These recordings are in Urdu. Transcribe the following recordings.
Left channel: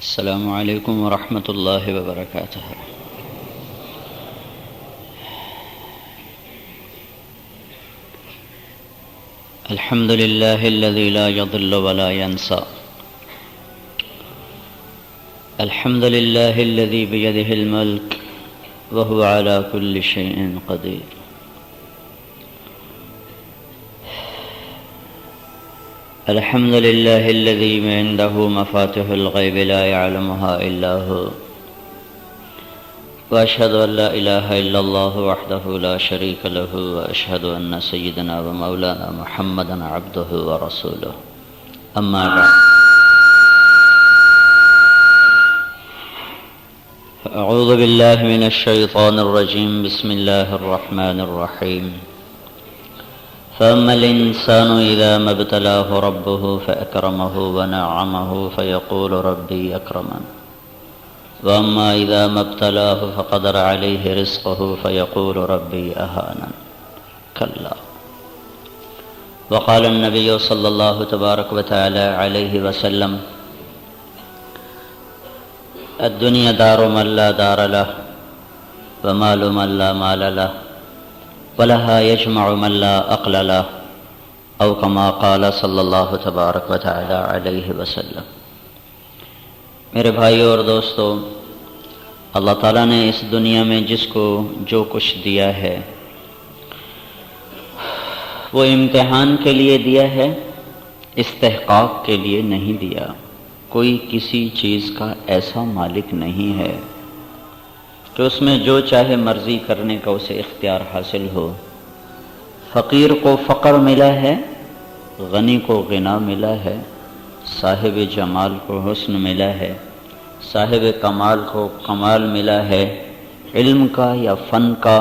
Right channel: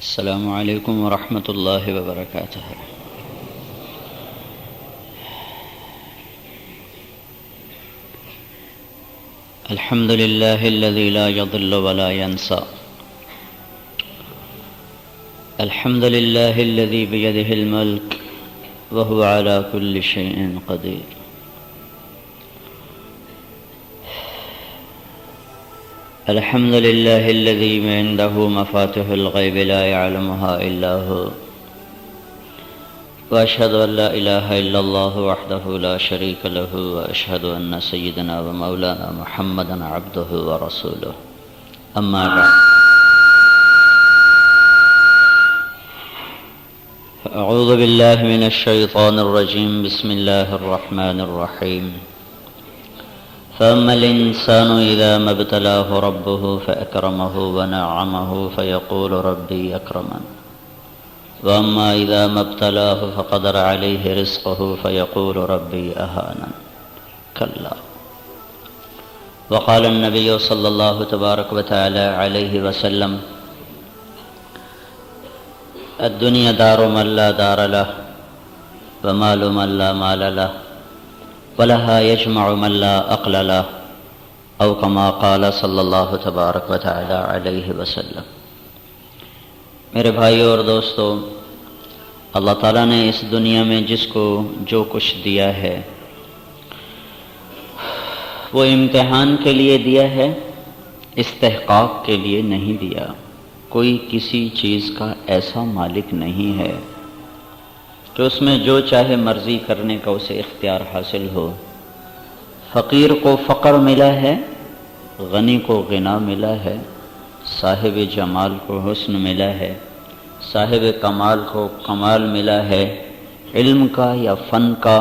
السلام علیکم ورحمۃ اللہ وبرکاتہ۔ الحمد للہ الذی لا یضل ولا ینسى، الحمد للہ الذی بیدہ الملک وهو علی کل شیء قدیر، الحمد للہ الذی عنده مفاتح الغیب لا يعلمها الا هو، واشهد ان لا الہ الا اللہ وحدہ لا شریک له، واشهد ان سیدنا ومولانا محمدا عبدہ ورسولہ، اما بعد، اعوذ باللہ من الشیطان الرجیم، بسم اللہ الرحمن الرحیم۔ فأما الإنسان إذا ما ابتلاه ربه فأكرمه ونعمه فيقول ربي أكرمن، وأما إذا ما ابتلاه فقدر عليه رزقه فيقول ربي أهانن، كلا۔ وقال النبي صلى الله تبارك وتعالى عليه وسلم: الدنيا دار من لا دار له، ومال من لا مال له، وَلَهَا يَجْمَعُ مَنْ لَا عَقْلَ لَهُ، أو كما قال صلی اللہ تبارک وتعالی علیہ وسلم۔ میرے بھائیو اور دوستو، اللہ تعالیٰ نے اس دنیا میں جس کو جو کچھ دیا ہے وہ امتحان کے لیے دیا ہے، استحقاق کے لیے نہیں دیا۔ کوئی کسی چیز کا ایسا مالک نہیں ہے کہ اس میں جو چاہے مرضی کرنے کا اسے اختیار حاصل ہو۔ فقیر کو فقر ملا ہے، غنی کو غنا ملا ہے، صاحب جمال کو حسن ملا ہے، صاحب کمال کو کمال ملا ہے، علم کا یا فن کا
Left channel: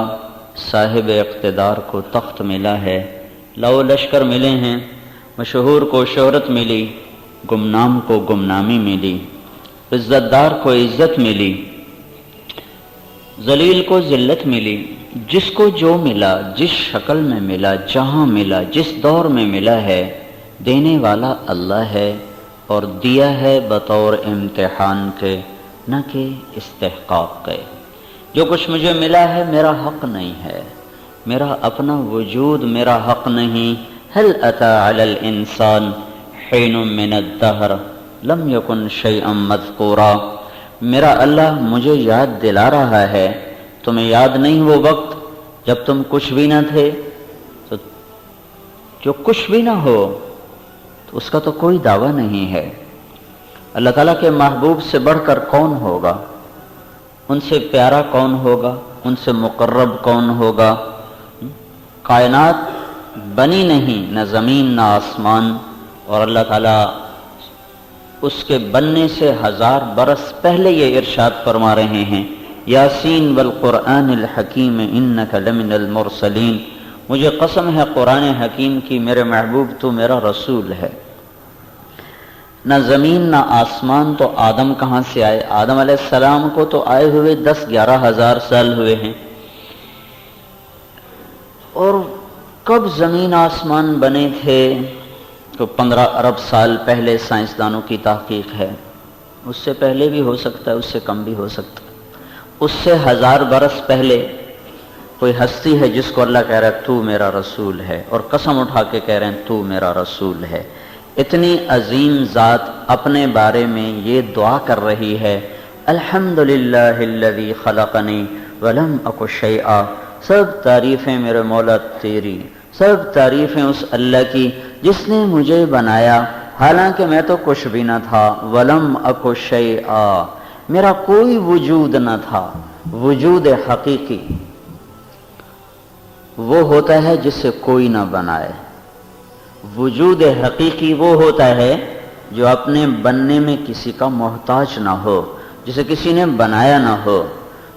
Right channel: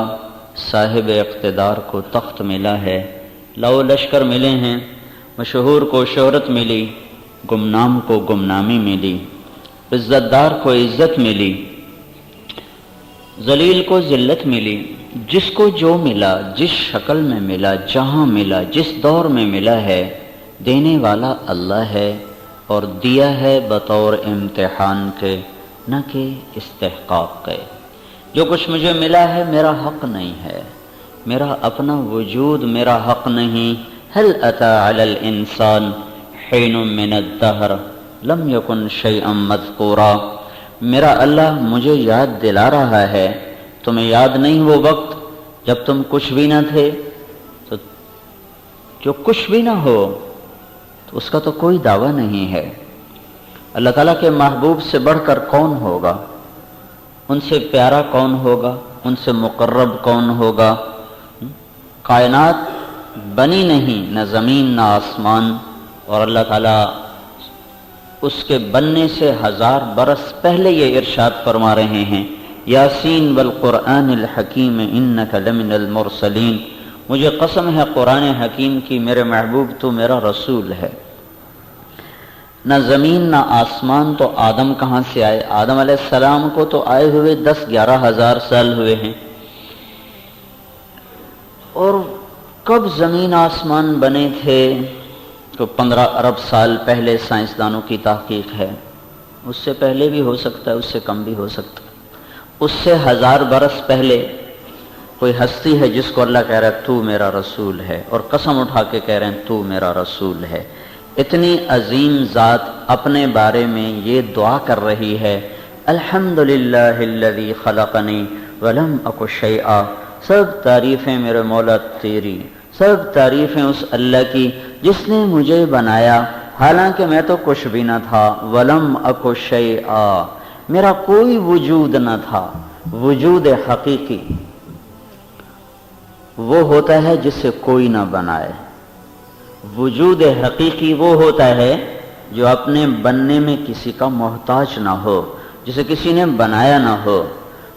صاحب اقتدار کو تخت ملا ہے، لو لشکر ملے ہیں، مشہور کو شہرت ملی، گمنام کو گمنامی ملی، عزت دار کو عزت ملی، ذلیل کو ذلت ملی۔ جس کو جو ملا، جس شکل میں ملا، جہاں ملا، جس دور میں ملا ہے، دینے والا اللہ ہے، اور دیا ہے بطور امتحان کے، نہ کہ استحقاق کے۔ جو کچھ مجھے ملا ہے میرا حق نہیں ہے، میرا اپنا وجود میرا حق نہیں۔ هل اتى على الانسان حين من الدهر لم يكن شيئا مذكورا، میرا اللہ مجھے یاد دلا رہا ہے، تمہیں یاد نہیں وہ وقت جب تم کچھ بھی نہ تھے؟ تو جو کچھ بھی نہ ہو تو اس کا تو کوئی دعویٰ نہیں ہے۔ اللہ تعالیٰ کے محبوب سے بڑھ کر کون ہوگا؟ ان سے پیارا کون ہوگا؟ ان سے مقرب کون ہوگا؟ کائنات بنی نہیں، نہ زمین نہ آسمان، اور اللہ تعالیٰ اس کے بننے سے 1000 برس پہلے یہ ارشاد فرما رہے ہیں: یاسین والقرآن الحکیم انک لمن المرسلین، مجھے قسم ہے قرآن حکیم کی، میرے محبوب تو میرا رسول ہے۔ نہ زمین نہ آسمان تو آدم کہاں سے آئے؟ آدم علیہ السلام کو تو آئے ہوئے 10-11 ہزار سال ہوئے ہیں، اور کب زمین آسمان بنے تھے؟ تو 15 ارب سال پہلے سائنسدانوں کی تحقیق ہے۔ اس سے پہلے بھی ہو سکتا ہے، اس سے کم بھی ہو سکتا ہے۔ اس سے 1000 برس پہلے کوئی ہستی ہے جس کو اللہ کہہ رہا ہے تو میرا رسول ہے، اور قسم اٹھا کے کہہ رہے ہیں تو میرا رسول ہے۔ اتنی عظیم ذات اپنے بارے میں یہ دعا کر رہی ہے: الحمدللہ الذی خلقنی ولم اک شیئا، سب تعریفیں میرے مولا تیری، سب تعریفیں اس اللہ کی جس نے مجھے بنایا حالانکہ میں تو کچھ بھی نہ تھا۔ ولم اک شیئا، میرا کوئی وجود نہ تھا۔ وجود حقیقی وہ ہوتا ہے جسے کوئی نہ بنائے۔ وجود حقیقی وہ ہوتا ہے جو اپنے بننے میں کسی کا محتاج نہ ہو، جسے کسی نے بنایا نہ ہو۔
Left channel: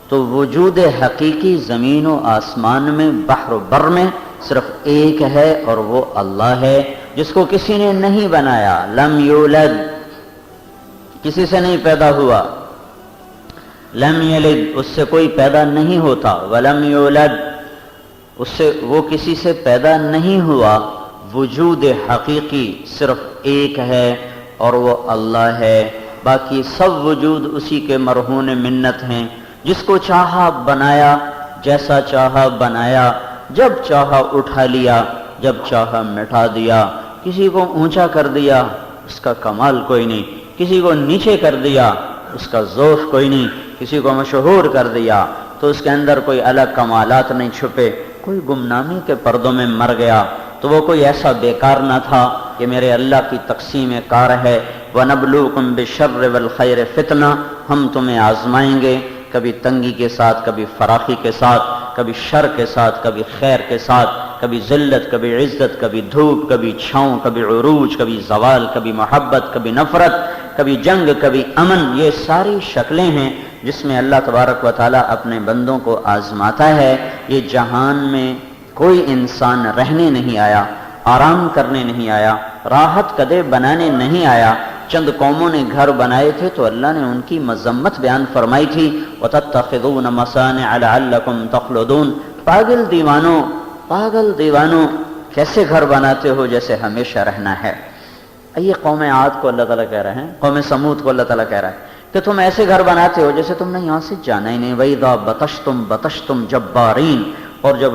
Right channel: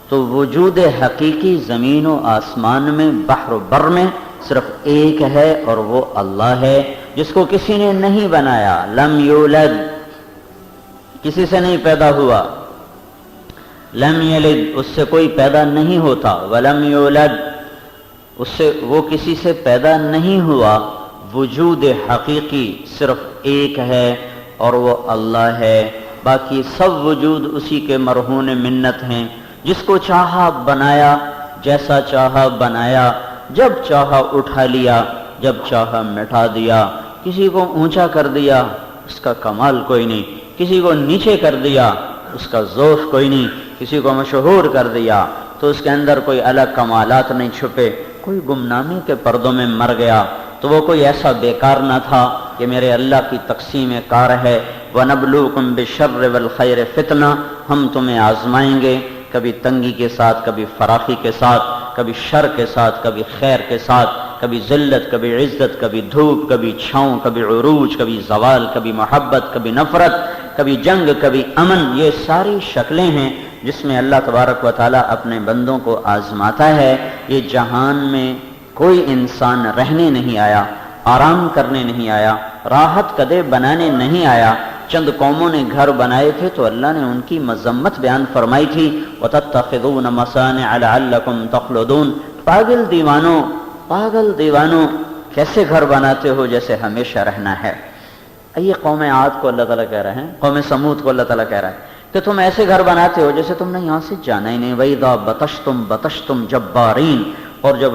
تو وجود حقیقی زمین و آسمان میں، بحر و بر میں صرف ایک ہے، اور وہ اللہ ہے جس کو کسی نے نہیں بنایا۔ لم یولد، کسی سے نہیں پیدا ہوا۔ لم یلد، اس سے کوئی پیدا نہیں ہوتا۔ ولم یولد، اس سے وہ کسی سے پیدا نہیں ہوا۔ وجود حقیقی صرف ایک ہے اور وہ اللہ ہے۔ باقی سب وجود اسی کے مرہون منت ہیں، جس کو چاہا بنایا، جیسا چاہا بنایا، جب چاہا اٹھا لیا، جب چاہا مٹا دیا، کسی کو اونچا کر دیا اس کا کمال کوئی نہیں، کسی کو نیچے کر دیا اس کا ذوق کوئی نہیں، کسی کو مشہور کر دیا تو اس کے اندر کوئی الگ کمالات نہیں چھپے، کوئی گمنامی کے پردوں میں مر گیا تو وہ کوئی ایسا بیکار نہ تھا کہ میرے اللہ کی تقسیم کار ہے۔ وَنَبْلُوكُمْ بِالشَّرِّ وَالْخَيْرِ فِتْنَةً، ہم تمہیں آزمائیں گے، کبھی تنگی کے ساتھ، کبھی فراخی کے ساتھ، کبھی شر کے ساتھ، کبھی خیر کے ساتھ، کبھی ذلت، کبھی عزت، کبھی دھوپ، کبھی چھاؤں، کبھی عروج، کبھی زوال، کبھی محبت، کبھی نفرت، کبھی جنگ، کبھی امن۔ یہ ساری شکلیں ہیں جس میں اللہ تبارک و تعالیٰ اپنے بندوں کو آزماتا ہے۔ یہ جہان میں کوئی انسان رہنے نہیں آیا، آرام کرنے نہیں آیا، راحت قدے بنانے نہیں آیا۔ چند قوموں نے گھر بنائے تھے تو اللہ نے ان کی مذمت بیان فرمائی تھی، وَتَتَّخِذُونَ مَصَانِعَ لَعَلَّكُمْ تَخْلُدُونَ۔ پاگل دیوانوں کیسے گھر بناتے ہو جیسے ہمیشہ رہنا ہے۔ یہ قوم عاد کو اللہ تعالیٰ کہہ رہے ہیں، قوم سمود کو اللہ تعالیٰ کہہ رہا ہے کہ تم ایسے گھر بناتے ہو جیسے تم نے یہاں سے جانا ہی نہیں۔ وَإِذَا بَطَشْتُمْ جَبَّارِينَ، اور جب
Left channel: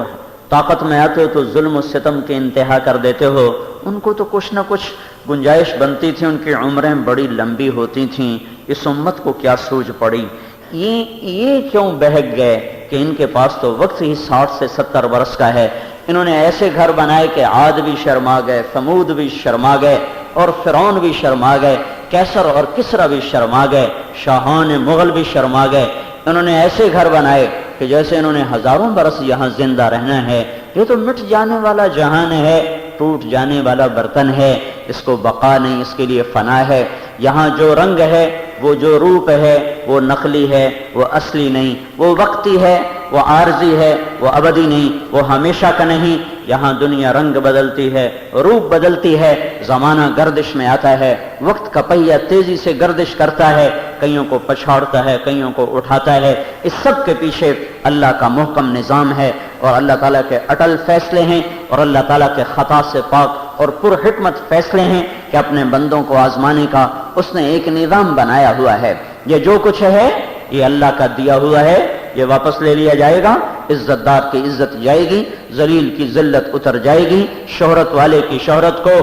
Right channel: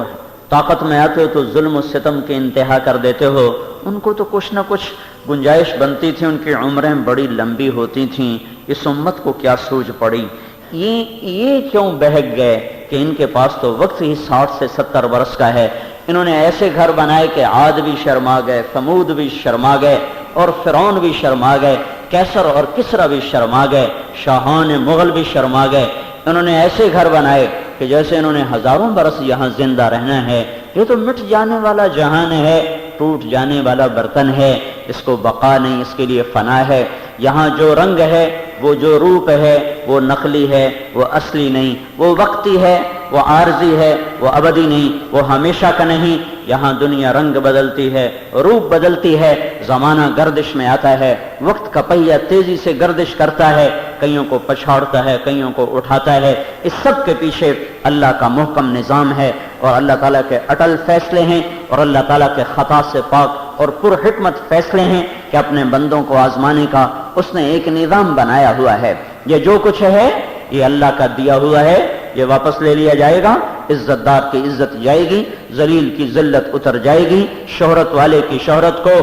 طاقت میں آتے ہو تو ظلم و ستم کے انتہا کر دیتے ہو۔ ان کو تو کچھ نہ کچھ گنجائش بنتی تھی، ان کی عمریں بڑی لمبی ہوتی تھیں، اس امت کو کیا سوج پڑی، یہ کیوں بہک گئے کہ ان کے پاس تو وقت ہی 60 سے 70 برس کا ہے۔ انہوں نے ایسے گھر بنائے کہ عاد بھی شرما گئے، ثمود بھی شرما گئے، اور فرعون بھی شرما گئے، کیسر اور کسرا بھی شرما گئے، شاہان مغل بھی شرما گئے۔ انہوں نے ایسے گھر بنائے کہ جیسے انہوں نے ہزاروں برس یہاں زندہ رہنا ہے۔ یہ تو مٹ جانے والا جہان ہے، ٹوٹ جانے والا برتن ہے، اس کو بقا نہیں، اس کے لیے فنا ہے۔ یہاں جو رنگ ہے، وہ جو روپ ہے، وہ نقلی ہے، وہ اصلی نہیں، وہ وقتی ہے، وہ عارضی ہے، وہ ابدی نہیں، وہ ہمیشہ کا نہیں۔ یہاں دنیا رنگ بدلتی ہے، روپ بدلتی ہے، زمانہ گردش میں آتا ہے، وقت کا پہیہ تیزی سے گردش کرتا ہے، کئیوں کو پچھاڑتا ہے، کئیوں کو اٹھاتا ہے۔ اس سب کے پیچھے اللہ کا محکم نظام ہے، اور اللہ تعالیٰ کے اٹل فیصلے ہیں، اور اللہ تعالیٰ کے خطا سے پاک اور پر حکمت فیصلے ہیں کہ اپنے بندوں کو آزمانے کا اس نے ایک نظام بنایا ہوا ہے۔ یہ جو کچھ ہے یہ اللہ کا دیا ہوا ہے، یہ واپس لے لیا جائے گا۔ عزت دار کی عزت جائے گی، ذلیل کی ذلت اتر جائے گی، شہرت والے کی شہرت کو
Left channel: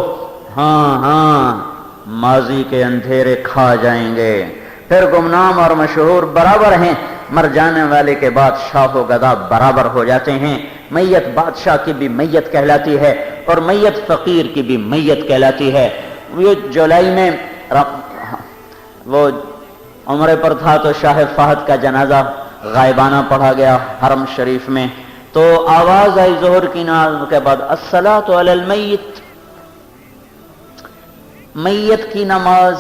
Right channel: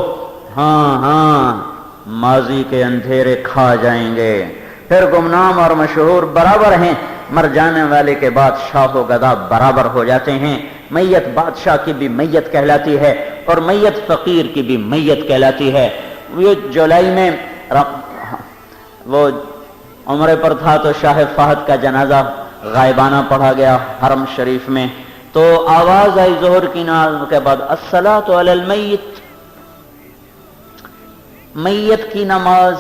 ماضی کے اندھیرے کھا جائیں گے۔ پھر گمنام اور مشہور برابر ہیں، مر جانے والے کے بعد شاہ و گدا برابر ہو جاتے ہیں۔ میت بادشاہ کی بھی میت کہلاتی ہے، اور میت فقیر کی بھی میت کہلاتی ہے۔ یہ جولائی میں وہ عمرے پر تھا تو شاہ فہد کا جنازہ غائبانہ پڑھا گیا حرم شریف میں، تو آواز آئی ظہر کی نماز کے بعد، الصلاۃ علی المیت، میت کی نماز۔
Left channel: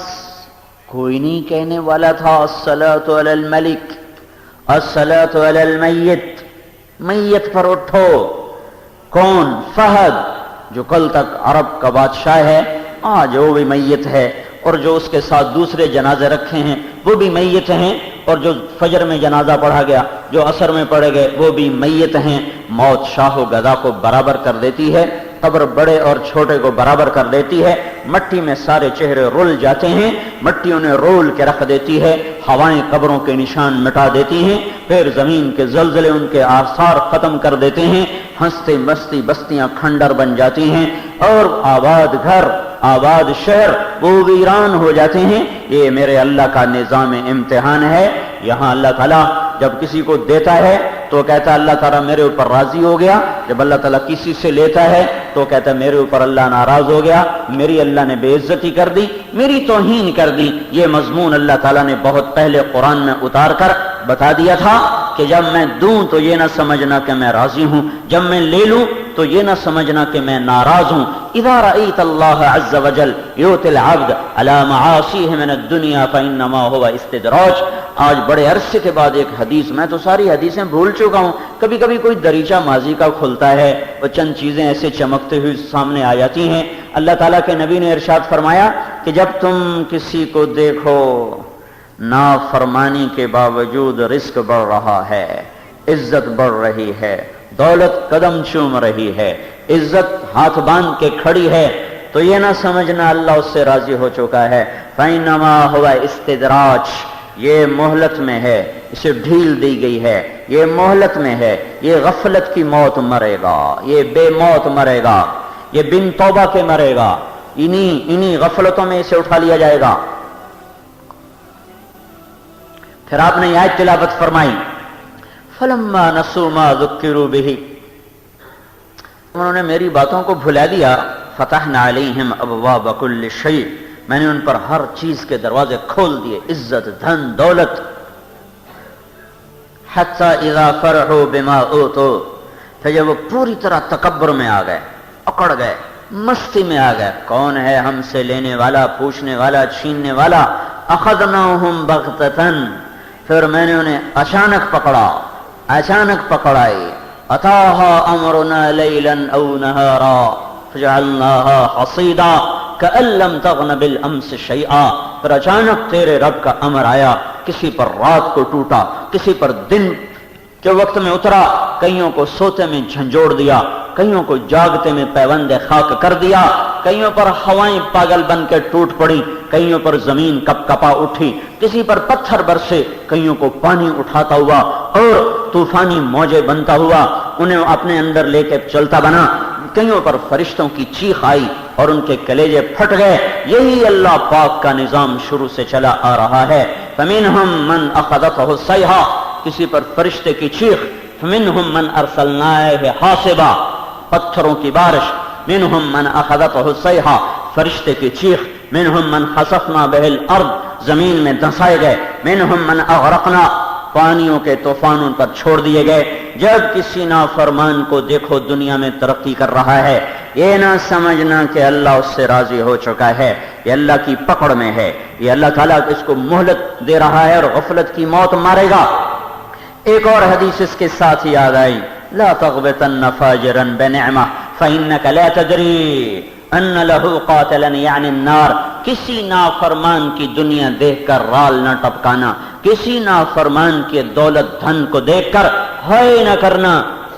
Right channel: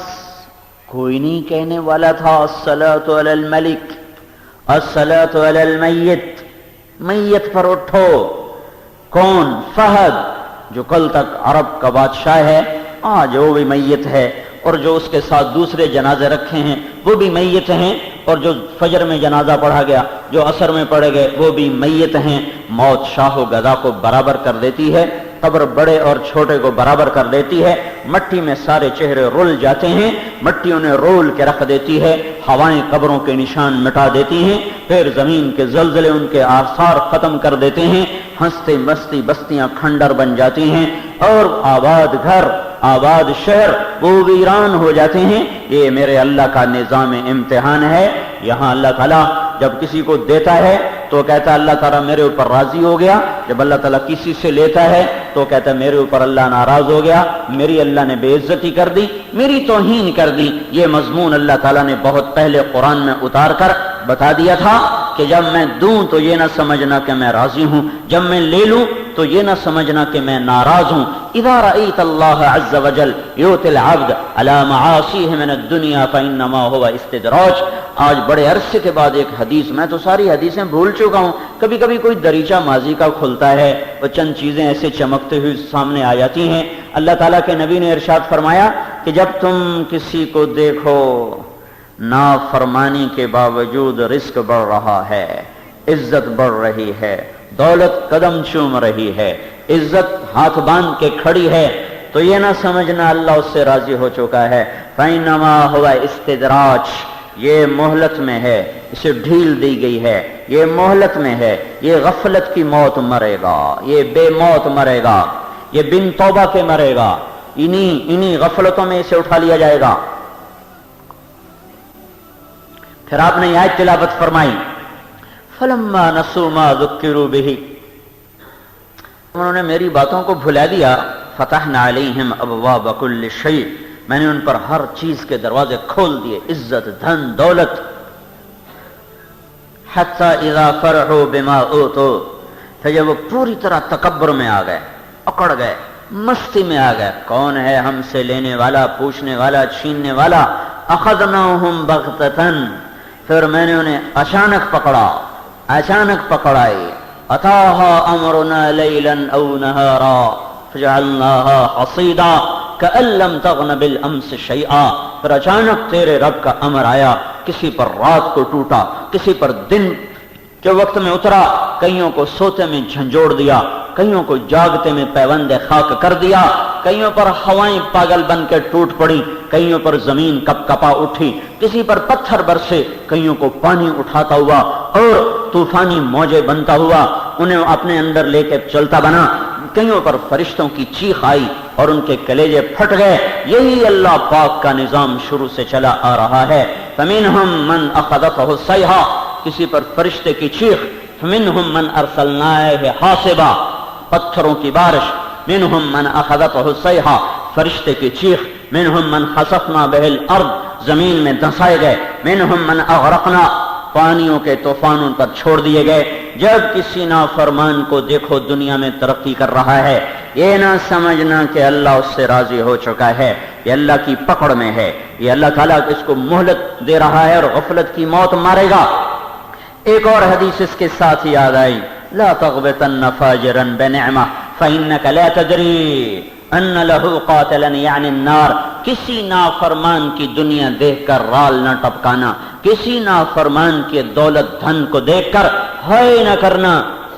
کوئی نہیں کہنے والا تھا الصلاۃ علی الملک، الصلاۃ علی المیت، میت پر اٹھو۔ کون؟ فہد، جو کل تک عرب کا بادشاہ ہے، آج وہ بھی میت ہے، اور جو اس کے ساتھ دوسرے جنازے رکھے ہیں وہ بھی میت ہیں، اور جو فجر میں جنازہ پڑھا گیا، جو عصر میں پڑھے گئے، وہ بھی میت ہیں۔ موت شاہ و گدا کو برابر کر دیتی ہے، قبر بڑے اور چھوٹے کو برابر کر دیتی ہے، مٹی میں سارے چہرے رول جاتے ہیں، مٹی انہیں رول کے رکھ دیتی ہے، ہوائیں قبروں کے نشان مٹا دیتی ہیں، پھر زمین کے زلزلے ان کے آثار ختم کر دیتے ہیں، ہنستے مستی بستیاں کھنڈر بن جاتی ہیں، اور آباد گھر، آباد شہر وہ ویران ہو جاتے ہیں۔ یہ میرے اللہ کا نظام امتحان ہے۔ یہاں اللہ تعالیٰ جب کسی کو دیتا ہے تو کہتا ہے اللہ تعالیٰ میرے اوپر راضی ہو گیا، جب اللہ تعالیٰ کسی سے لیتا ہے تو کہتا ہے میرے اوپر اللہ ناراض ہو گیا، میری اللہ نے بے عزتی کر دی، میری توہین کر دی۔ یہ مضمون اللہ تعالیٰ نے بہت پہلے قرآن میں اتار کر بتا دیا تھا کہ جب میں دوں تو یہ نہ سمجھنا کہ میں راضی ہوں، جب میں لے لوں تو یہ نہ سمجھنا کہ میں ناراض ہوں۔ اذا رأيت الله عز وجل يؤتي العبد على معاصيه من الدنيا فإنما هو استدراج۔ آج بڑے عرصے کے بعد ایک حدیث، میں تو ساری حدیثیں بھول چکا ہوں، کبھی کبھی کوئی دریچہ ماضی کا کھلتا ہے اور چند چیزیں ایسے چمکتے ہوئے سامنے آ جاتی ہیں۔ اللہ تعالیٰ کے نبی نے ارشاد فرمایا کہ جب تم کسی کو دیکھو نافرمانی کے باوجود رزق بڑھ رہا ہے، عزت بڑھ رہی ہے، دولت قدم چوم رہی ہے، عزت ہاتھ باندھ کے کھڑی ہے، تو یہ نہ سمجھنا اللہ اس سے راضی ہو چکا ہے. فَإِنَّمَا هُوَ اسْتِدْرَاجٌ، یہ مہلت میں ہے، اسے ڈھیل دی گئی ہے، یہ مہلت میں ہے. یہ غفلت کی موت مرے گا، یہ بے موت مرے گا، یہ بن توبہ کے مرے گا، انہی غفلتوں میں اسے اٹھا لیا جائے گا. پھر آپ نے یہ آیت تلاوت فرمائی فَلَمَّا نَسُوا مَا ذُكِّرُوا بِهِ، انہوں نے میری باتوں کو بھلا دیا. فَتَحْنَا عَلَيْهِمْ أَبْوَابَ كُلِّ شَيْءٍ، میں نے ان پر ہر چیز کے دروازے کھول دیے، عزت، دھن، دولت. حَتَّى إِذَا فَرِحُوا بِمَا أُوتُوا، پھر جب وہ پوری طرح تکبر میں آ گئے، اکڑ گئے، مستی میں آ گئے، کون ہے ہم سے لینے والا، پوچھنے والا، چھیننے والا. أَخَذْنَاهُمْ بَغْتَةً، پھر میں نے انہیں اچانک پکڑا، اچانک پکڑائی. أَتَاهَا أَمْرُنَا لَيْلًا أَوْ نَهَارًا فَجَعَلْنَاهَا حَصِيدًا كَأَن لَّمْ تَغْنَ بِالْأَمْسِ شَيْئًا، پھر اچانک تیرے رب کا امر آیا، کسی پر رات کو ٹوٹا، کسی پر دن کے وقت میں اترا، کئیوں کو سوتے میں جھنجھوڑ دیا، کئیوں کو جاگتے میں پیوند خاک کر دیا، کئیوں پر ہوائیں پاگل بن کے ٹوٹ پڑی، کئیوں پر زمین کپ کپا اٹھی، کسی پر پتھر برسے، کئیوں کو پانی اٹھاتا ہوا اور طوفانی موجیں بنتا ہوا انہیں اپنے اندر لے کے چلتا بنا. کئیوں پر فرشتوں کی چیخ آئی اور ان کے کلیجے پھٹ گئے. یہی اللہ پاک کا نظام شروع سے چلا آ رہا ہے. فَمِنْهُمْ مَنْ أَخَذَتْهُ الصَّيْحَةُ، کسی پر فرشتے کی چیخ. فَمِنْهُمْ مَنْ أَرْسَلْنَا عَلَيْهِ حَاصِبًا، پتھروں کی بارش. مِنْهُمْ مَنْ أَخَذَتْهُ الصَّيْحَةُ، فرشتے کی چیخ. مِنْهُمْ مَنْ خَسَفْنَا بِهِ الْأَرْضَ، زمین میں دھنسائے گئے. مِنْهُمْ مَنْ أَغْرَقْنَا، پانیوں کے طوفانوں پر چھوڑ دیے گئے. جب کسی نافرمان کو دیکھو دنیا میں ترقی کر رہا ہے، یہ نہ سمجھنا کہ اللہ اس سے راضی ہو چکا ہے، یہ اللہ کی پکڑ میں ہے، یہ اللہ تعالیٰ اس کو مہلت دے رہا ہے اور غفلت کی موت مارے گا. ایک اور حدیث اس کے ساتھ یاد آئی، لا تغبطن فاجرا بنعمہ فإنك لا تدری ان له قاتلا یعنی النار. کسی نافرمان کی دنیا دیکھ کر رال نہ ٹپکانا، کسی نافرمان کے دولت دھن کو دیکھ کر ہائے نہ کرنا،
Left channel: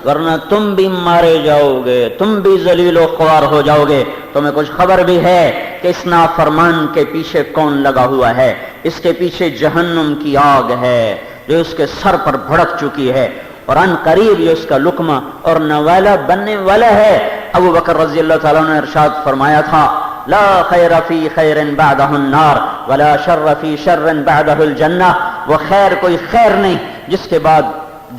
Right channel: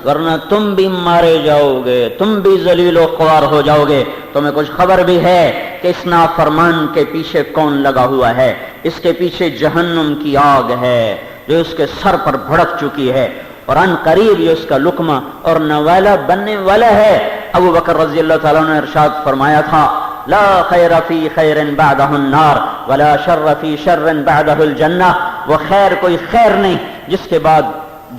ورنہ تم بھی مارے جاؤ گے، تم بھی ذلیل و خوار ہو جاؤ گے. تمہیں کچھ خبر بھی ہے کہ اس نافرمان کے پیچھے کون لگا ہوا ہے؟ اس کے پیچھے جہنم کی آگ ہے جو اس کے سر پر بھڑک چکی ہے، اور ان قریب یہ اس کا لقمہ اور نوالا بننے والا ہے. ابو بکر رضی اللہ تعالیٰ نے ارشاد فرمایا تھا، لا خیر فی خیر بعدہ النار ولا شر فی شر بعدہ الجنہ. وہ خیر کوئی خیر نہیں جس کے بعد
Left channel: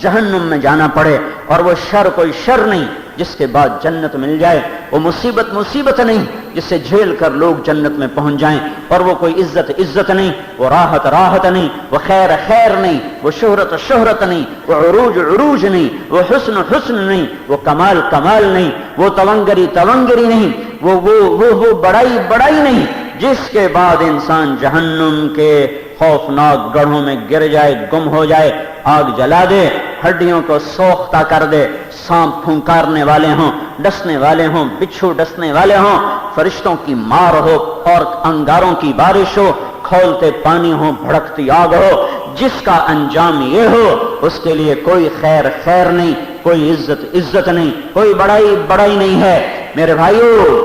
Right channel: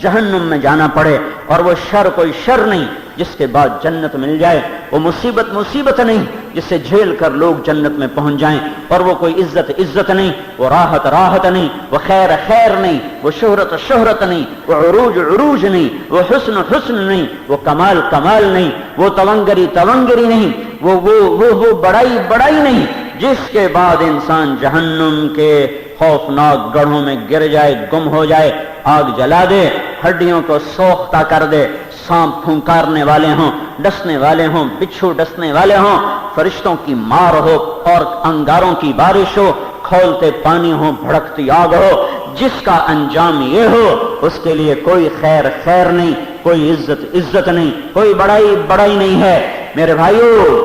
جہنم میں جانا پڑے، اور وہ شر کوئی شر نہیں جس کے بعد جنت مل جائے. وہ مصیبت نہیں جس سے جھیل کر لوگ جنت میں پہنچ جائیں، اور وہ کوئی عزت نہیں، وہ راحت نہیں، وہ خیر نہیں، وہ شہرت نہیں، وہ عروج نہیں، وہ حسن نہیں، وہ کمال نہیں، وہ تونگری نہیں، وہ بڑائی نہیں، جس کے بعد انسان جہنم کے خوفناک گڑھوں میں گر جائے، گم ہو جائے، آگ جلا دے، ہڈیوں کو سوختہ کر دے، سانپ پھنکارنے والے ہوں، ڈسنے والے ہوں، بچھو ڈسنے والے ہوں، فرشتوں کی مار ہو اور انگاروں کی بارش ہو، کھولتے پانی ہو، بھڑکتی آگ ہو، جس کا انجام یہ ہو اس کے لیے کوئی خیر نہیں، کوئی عزت نہیں، کوئی بڑائی نہیں ہے. میرے بھائیو،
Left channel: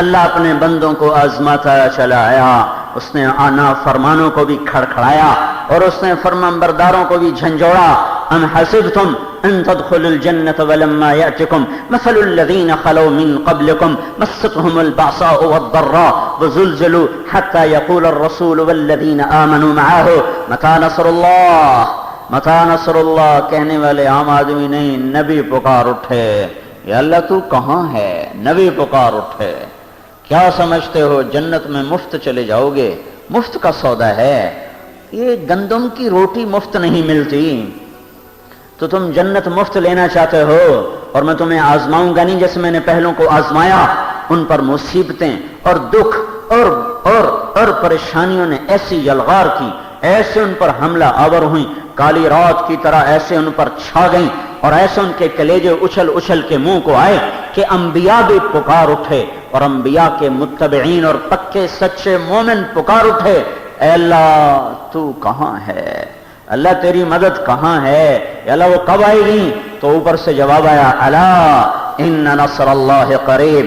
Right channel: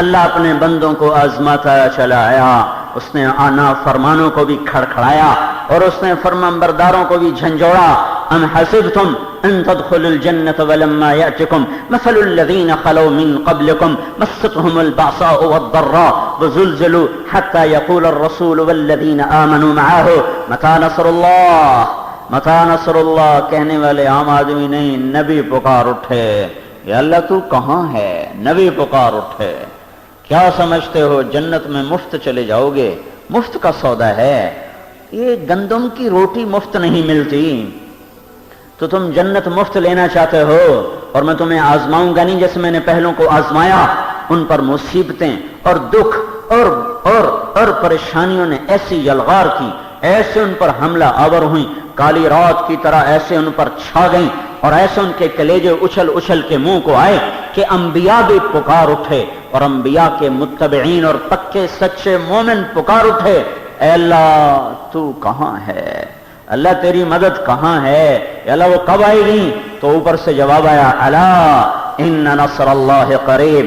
اللہ اپنے بندوں کو آزماتا چلا آیا. اس نے آنا فرمانوں کو بھی کھڑکھڑایا اور اس نے فرمانبرداروں کو بھی جھنجھوڑا. ام حسبتم ان تدخلوا الجنة ولما يأتكم مثل الذين خلوا من قبلكم مستهم البأساء والضراء وزلزلوا حتى يقول الرسول والذين آمنوا معه متى نصر الله. کہنے والے عام آدمی نہیں، نبی پکار اٹھے، یا اللہ تو کہاں ہے؟ نبی پکار اٹھے. کیا سمجھتے ہو جنت میں مفت چلے جاؤ گے؟ مفت کا سودا ہے یہ. گندم کی روٹی مفت نہیں ملتی. تو تم جنت مفت لینا چاہتے ہو، اور میں تمہیں آزماؤں گا نہیں جیسے میں نے پہلوں کو آزمایا. ان پر مصیبتیں اور دکھ اور پریشانیوں نے ایسی یلغار کی، ایسے ان پر حملہ آور ہوئی، کالی رات کی طرح ایسے ان پر چھا گئیں، اور ایسے ان کے کلیجے اچھل کے منہ کو آئے کہ انبیاء بھی پکار اٹھے، اور انبیاء کے متبعین اور پکے سچے مومن پکار اٹھے، اے اللہ تو کہاں ہے؟ اللہ تیری مدد کہاں ہے؟ یا اللہ وہ کب آئے گی؟ تو اوپر سے جواب آیا، الا ان نصر اللہ قریب.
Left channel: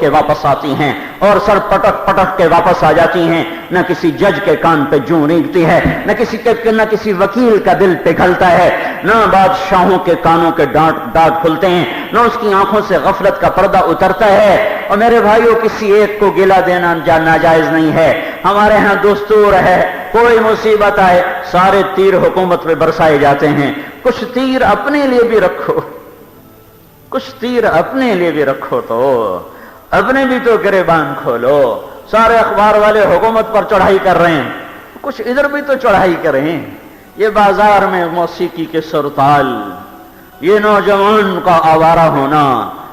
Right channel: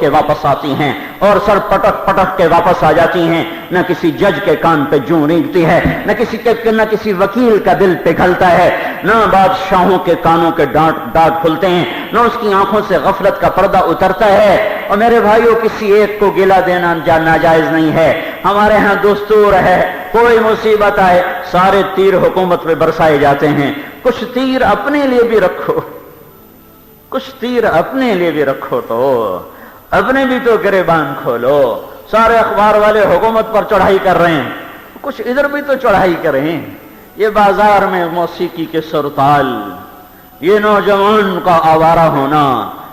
کے واپس آتی ہیں اور سر پٹک پٹک کے واپس آ جاتی ہیں. نہ کسی جج کے کان پہ جوں ریگتی ہے, نہ کسی وکیل کا دل پگھلتا ہے, نہ بادشاہوں کے کانوں کے ڈانٹ کھلتے ہیں, نہ اس کی آنکھوں سے غفلت کا پردہ اترتا ہے. اور میرے بھائیوں, کسی ایک کو گلہ دینا ناجائز نہیں ہے. ہمارے ہاں دستور ہے, کوئی مصیبت آئے سارے تیر حکومت پہ برسائے جاتے ہیں. کچھ تیر اپنے لیے بھی رکھو, کچھ تیر اپنے لیے بھی رکھو, تو اپنے بھی تو گریبان کھولو. سارے اخبار والے حکومت پر چڑھائی کر رہے ہیں, کچھ ادھر بھی تو چڑھائی کریں. یہ بازار میں موسیقی کے سرتال, یہ نوجوان کا آوارہ ہونا,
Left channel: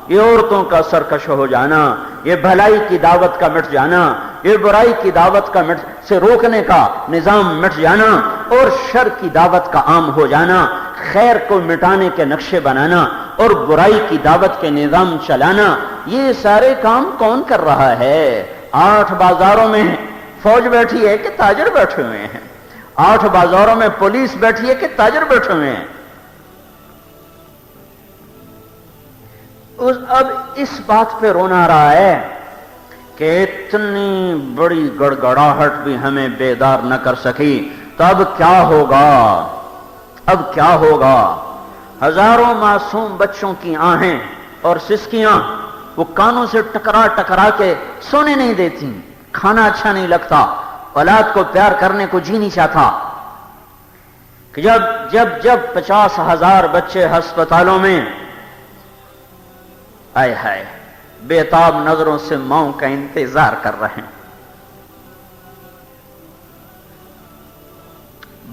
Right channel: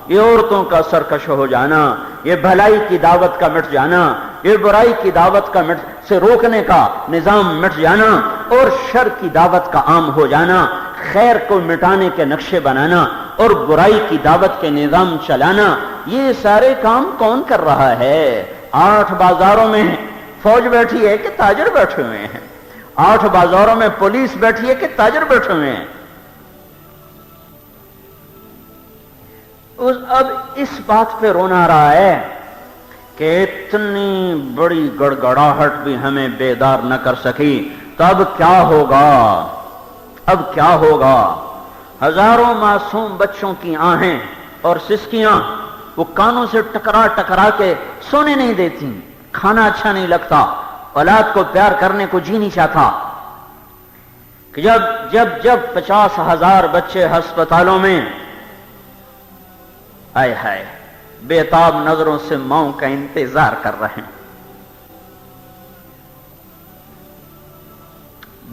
یہ عورتوں کا سرکش ہو جانا, یہ بھلائی کی دعوت کا مٹ جانا, یہ برائی کی دعوت کا سے روکنے کا نظام مٹ جانا, اور شر کی دعوت کا عام ہو جانا, خیر کو مٹانے کے نقشے بنانا اور برائی کی دعوت کے نظام چلانا, یہ سارے کام کون کر رہا ہے؟ 8 بازاروں میں فوج بیٹھی ہے کہ تاجر بیٹھے ہوئے ہیں؟ 8 بازاروں میں پولیس بیٹھی ہے کہ تاجر بیٹھے ہوئے ہیں؟ اب اس بات پہ رونا رہا ہے کہ اتنی بڑی گڑگڑاہٹ بھی ہمیں بیدار نہ کر سکی, تو اب کیا ہوگا؟ اب کیا ہوگا؟ ہزاروں معصوم بچوں کی آہیں اور سسکیاں وہ کانوں سے ٹکرا ٹکرا کے سونے نہیں دیتی, کھانا اچھا نہیں لگتا, اولاد کو پیار کرنے کو جی نہیں چاہتا. کہ جب 50,000 بچے ہسپتالوں میں آئے ہائے بے-تاب نظروں سے ماؤں کا انتظار کر رہے ہیں,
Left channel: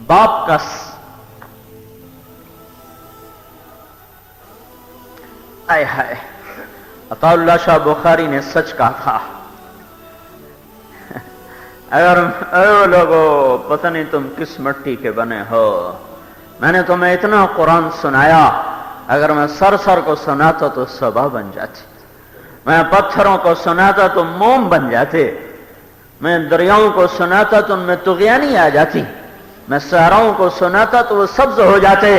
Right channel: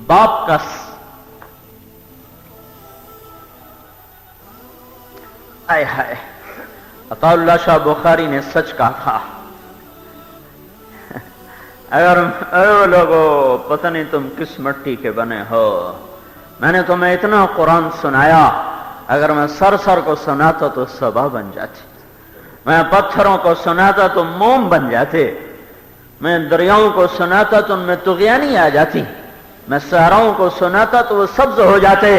باپ کا آئے ہائے. عطا اللہ شاہ بخاری نے سچ کہا تھا, اگر لوگوں پتہ نہیں تم کس مٹی کے بنے ہو, میں نے تمہیں اتنا قرآن سنایا, اگر میں سر کو سناتا تو صبا بن جاتی, میں پتھروں کو سناتا تو موم بن جاتے, میں دریاؤں کو سناتا تو ان میں طغیانی آ جاتی, میں صحراؤں کو سناتا تو وہ سبز ہو جاتے.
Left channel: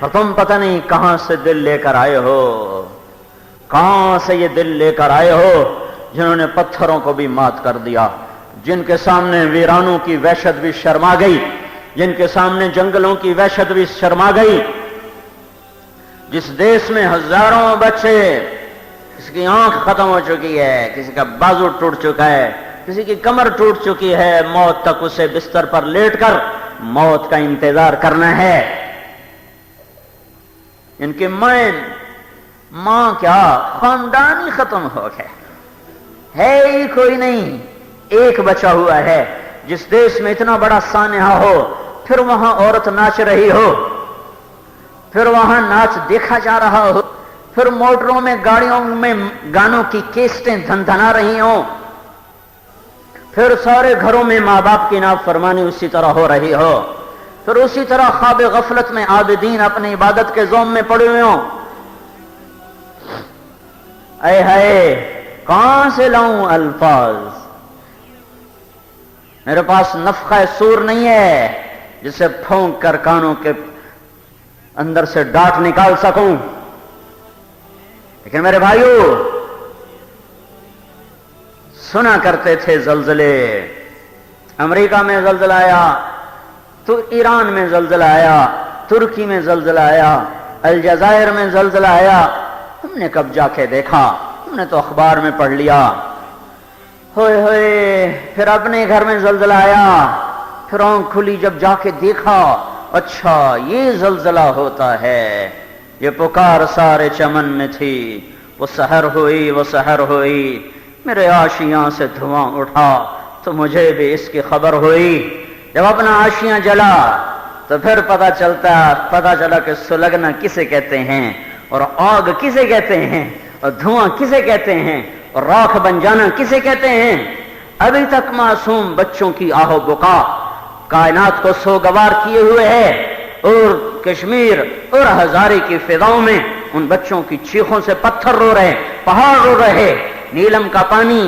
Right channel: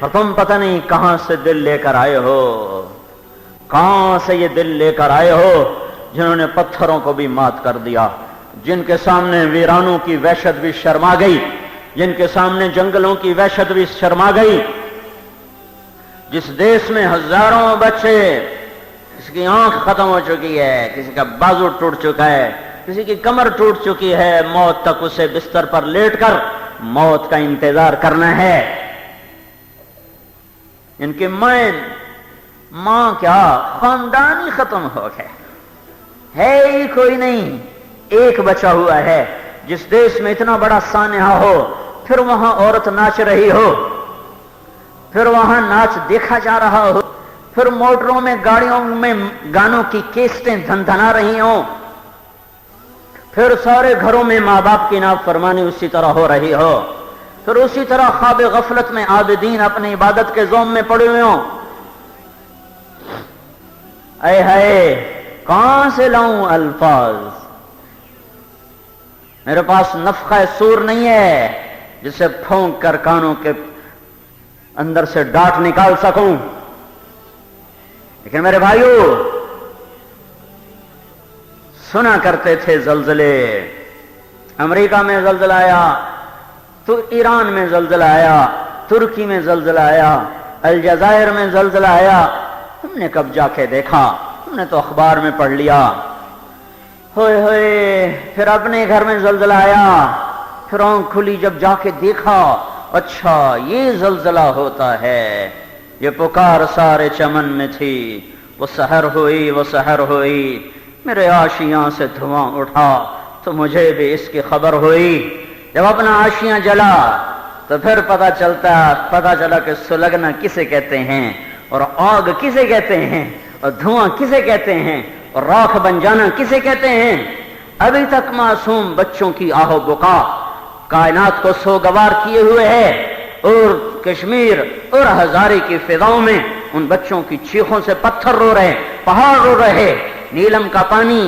اور تم پتہ نہیں کہاں سے دل لے کر آئے ہو, کہاں سے یہ دل لے کر آئے ہو جنہوں نے پتھروں کو بھی مات کر دیا, جن کے سامنے ویرانوں کی وحشت بھی شرما گئی, جن کے سامنے جنگلوں کی وحشت بھی شرما گئی, جس دیش میں ہزاروں بچے, کسی کی آنکھ ختم ہو چکی ہے, کسی کا بازو ٹوٹ چکا ہے, کسی کی کمر ٹوٹ چکی ہے, موت تک اسے بستر پر لیٹ کر موت کا انتظار کرنا ہے. ان کے ماں کیا خاندان ہی ختم ہو گئے, ہے ہی کوئی نہیں, ایک بچا ہوا ہے. جس دیش میں اتنا بڑا سانحہ ہو, پھر وہاں عورت ناچ رہی ہو, پھر وہاں ناچ دیکھا جا رہا ہو, پھر موٹروں میں گاڑیوں میں گانوں کی کیسٹیں دھندھنا رہی ہوں, پھر سارے گھروں میں ماں باپ کی نافرمانی اسی طرح ہو رہی ہو, پھر اسی طرح خواب غفلت میں عابدین اپنی عبادت کے زوم میں پڑے ہوئے ہوں. اے ہائے کہاں سے لاؤں الفاظ, میرے پاس نفخہ سور نہیں ہے جسے پھونک کر کانوں کے اندر سے ڈانٹ نکال سکوں. لیکن میرے بھائیو, سنا کرتے تھے زلزلے, امریکہ میں زلزلہ آیا, تو ایران میں زلزلہ آیا, ترکی میں زلزلہ آیا, الجزائر میں زلزلہ آیا. ہم نے کب جا کے دیکھا, ہم نے تو اخبار میں پڑھ لیا. ہوئے ہوئے پھر اپنے گھر میں زلزلہ آیا, پھر آنکھ کھلی جب جا کے دیکھا, اچھا یہ زلزلہ ہوتا ہے. یہ پکار سارے چمن میں تھی, وہ سحر ہوئی, وہ سحر ہوئی, میرے آشیاں سے دھواں اٹھا تو مجھے بھی اس کی خبر ہوئی. جب اپنا آشیاں جلا تو پھر پتا چلا کہ سلگنا کسے کہتے ہیں, اور آگ کسے کہتے ہیں, اور دھواں کسے کہتے ہیں, اور راکھ بن جانا کسے کہتے ہیں. ابھی تک معصوم بچوں کی آہو بکا کائنات کو سوگوار کیے ہوئے ہے, اور کشمیر اور ہزارے کی فضاؤں میں ان بچوں کی چیخوں سے پتھر رو رہے, پہاڑ رو رہے. نیلم کا پانی,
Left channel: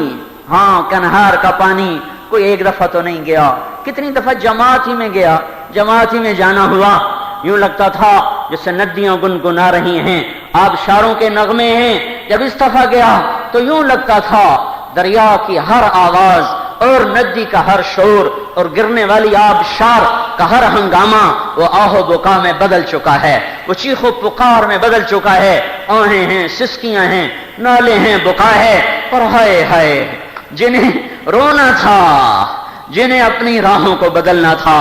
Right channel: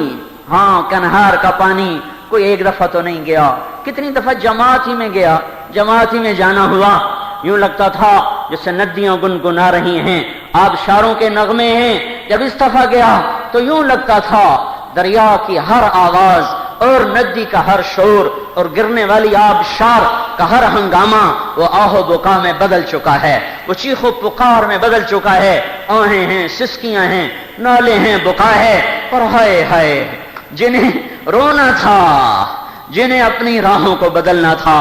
ہاں کنہار کا پانی کوئی ایک دفعہ تو نہیں گیا, کتنی دفعہ جماعت ہی میں گیا, جماعت ہی میں جانا ہوا. یوں لگتا تھا جیسے ندیاں گنگنا رہی ہیں, آبشاروں کے نغمے ہیں. جب اس دفعہ گیا تو یوں لگتا تھا دریا کی ہر آواز اور ندی کا ہر شور اور گرنے والی آبشار کا ہر ہنگامہ وہ آہ و بکا میں بدل چکا ہے، وہ چیخ و پکار میں بدل چکا ہے۔ آہیں ہیں، سسکیاں ہیں، نالے ہیں، بکا ہے، اور ہائے ہائے جنہیں رونا تھا، جنہیں اپنی راہوں کو بدلنا تھا،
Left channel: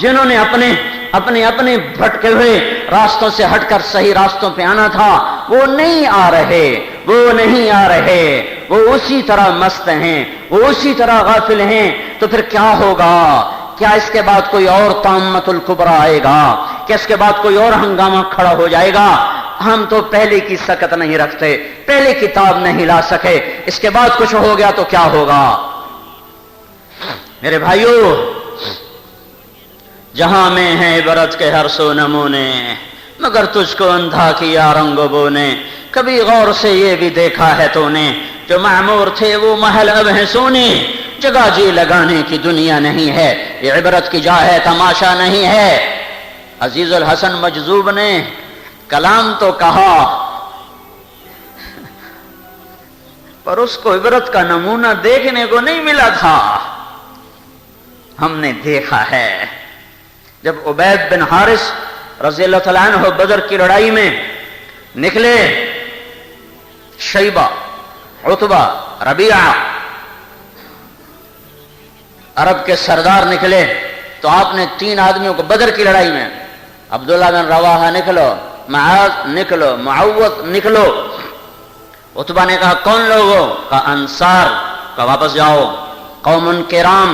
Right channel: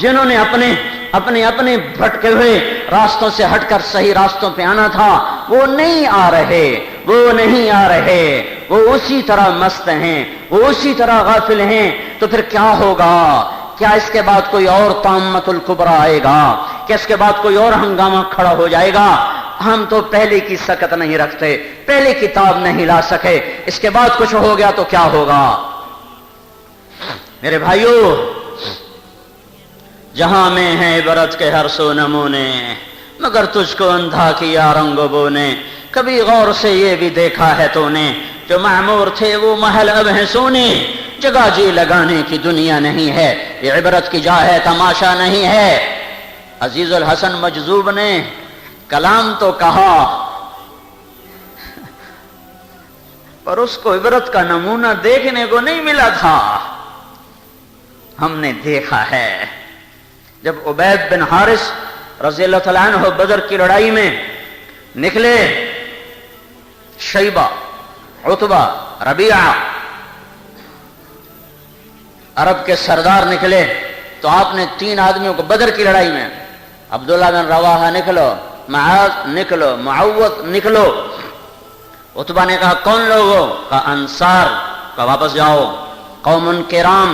جنہوں نے اپنے بھٹکے ہوئے راستوں سے ہٹ کر صحیح راستوں پہ آنا تھا، وہ نہیں آ رہے، وہ نہیں آ رہے، وہ اسی طرح مست ہیں، وہ اسی طرح غافل ہیں۔ تو پھر کیا ہوگا؟ کیا اس کے بعد کوئی اور طامۃ الکبریٰ آئے گا؟ کیا اس کے بعد کوئی اور ہنگامہ کھڑا ہو جائے گا؟ ہم تو پہلے کی سکت نہیں رکھتے، پہلے کتاب نہیں لا سکے، اس کے بعد کچھ ہو گیا تو کیا ہوگا؟ میرے بھائیو، جہاں میں ہے عبرت کے ہر سو نمونے، مگر تجھ کو اندھا کیا رنگ و بو نے۔ کبھی غور سے یہ بھی دیکھا ہے تو نے، جو معمور تھے وہ محل اب ہیں سونے۔ جگہ جی لگانے کی دنیا نہیں ہے، یہ عبرت کی جا ہے، تماشا نہیں ہے۔ عزیز الحسن مجذوب نے کلام تو کہا، پر اس کو عبرت کا نمونہ دیکھنے کو نہیں ملا تھا۔ ہم نے دیکھا ہے جب عبید بن حارث رضی اللہ تعالیٰ عنہ بدر کی لڑائی میں نکلے، شیبہ، عتبہ، ربیعہ عرب کے سردار نکلے، تو آپ نے 3 آدمیوں کو بدر کی لڑائی میں، عبداللہ بن رواحہ نکلو، معاذ نکلو، معوذ نکلو۔ عتبہ نے کہا کون لوگ ہو؟ کہا انصار۔ کہا واپس جاؤ، قوم کرام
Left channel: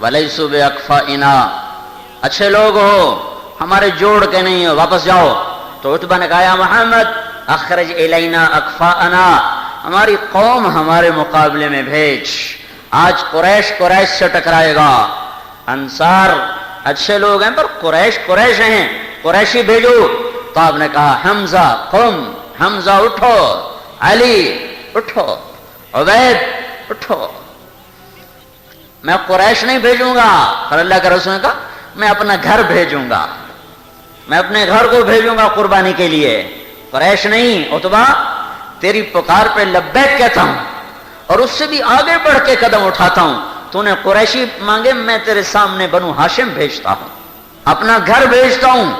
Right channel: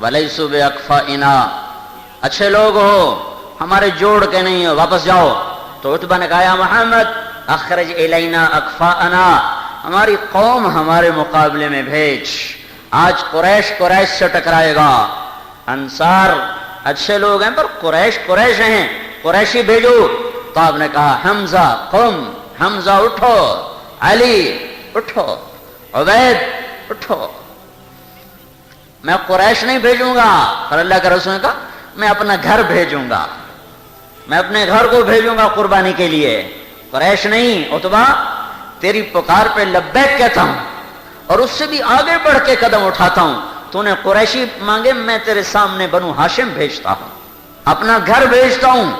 ولیسوا باکفائنا، اچھے لوگ ہو، ہمارے جوڑ کے نہیں ہو، واپس جاؤ۔ تو عتبہ نے کہا یا محمد اخرج الینا اکفاءنا، ہماری قوم ہمارے مقابلے میں بھیج، آج قریش سے ٹکرائے گا۔ انصار اچھے لوگ ہیں پر قریش ہیں، قریشی بھیجو۔ تو آپ نے کہا حمزہ قم، حمزہ اٹھو، علی اٹھو، عبید اٹھو، میں قریش نہیں بھیجوں گا۔ اور اللہ کے رسول نے کہا میں اپنا گھر بھیجوں گا، میں اپنے گھر کو بھیجوں گا قربانی کے لیے، قریش نہیں۔ عتبہ تیری پکار پہ لبیک کہتا ہوں، اور اس سے بھی آگے بڑھ کے قدم اٹھاتا ہوں۔ تو نے قریشی مانگے، میں تیرے سامنے بنو ہاشم بھیجتا ہوں، اپنا گھر بھیجتا ہوں۔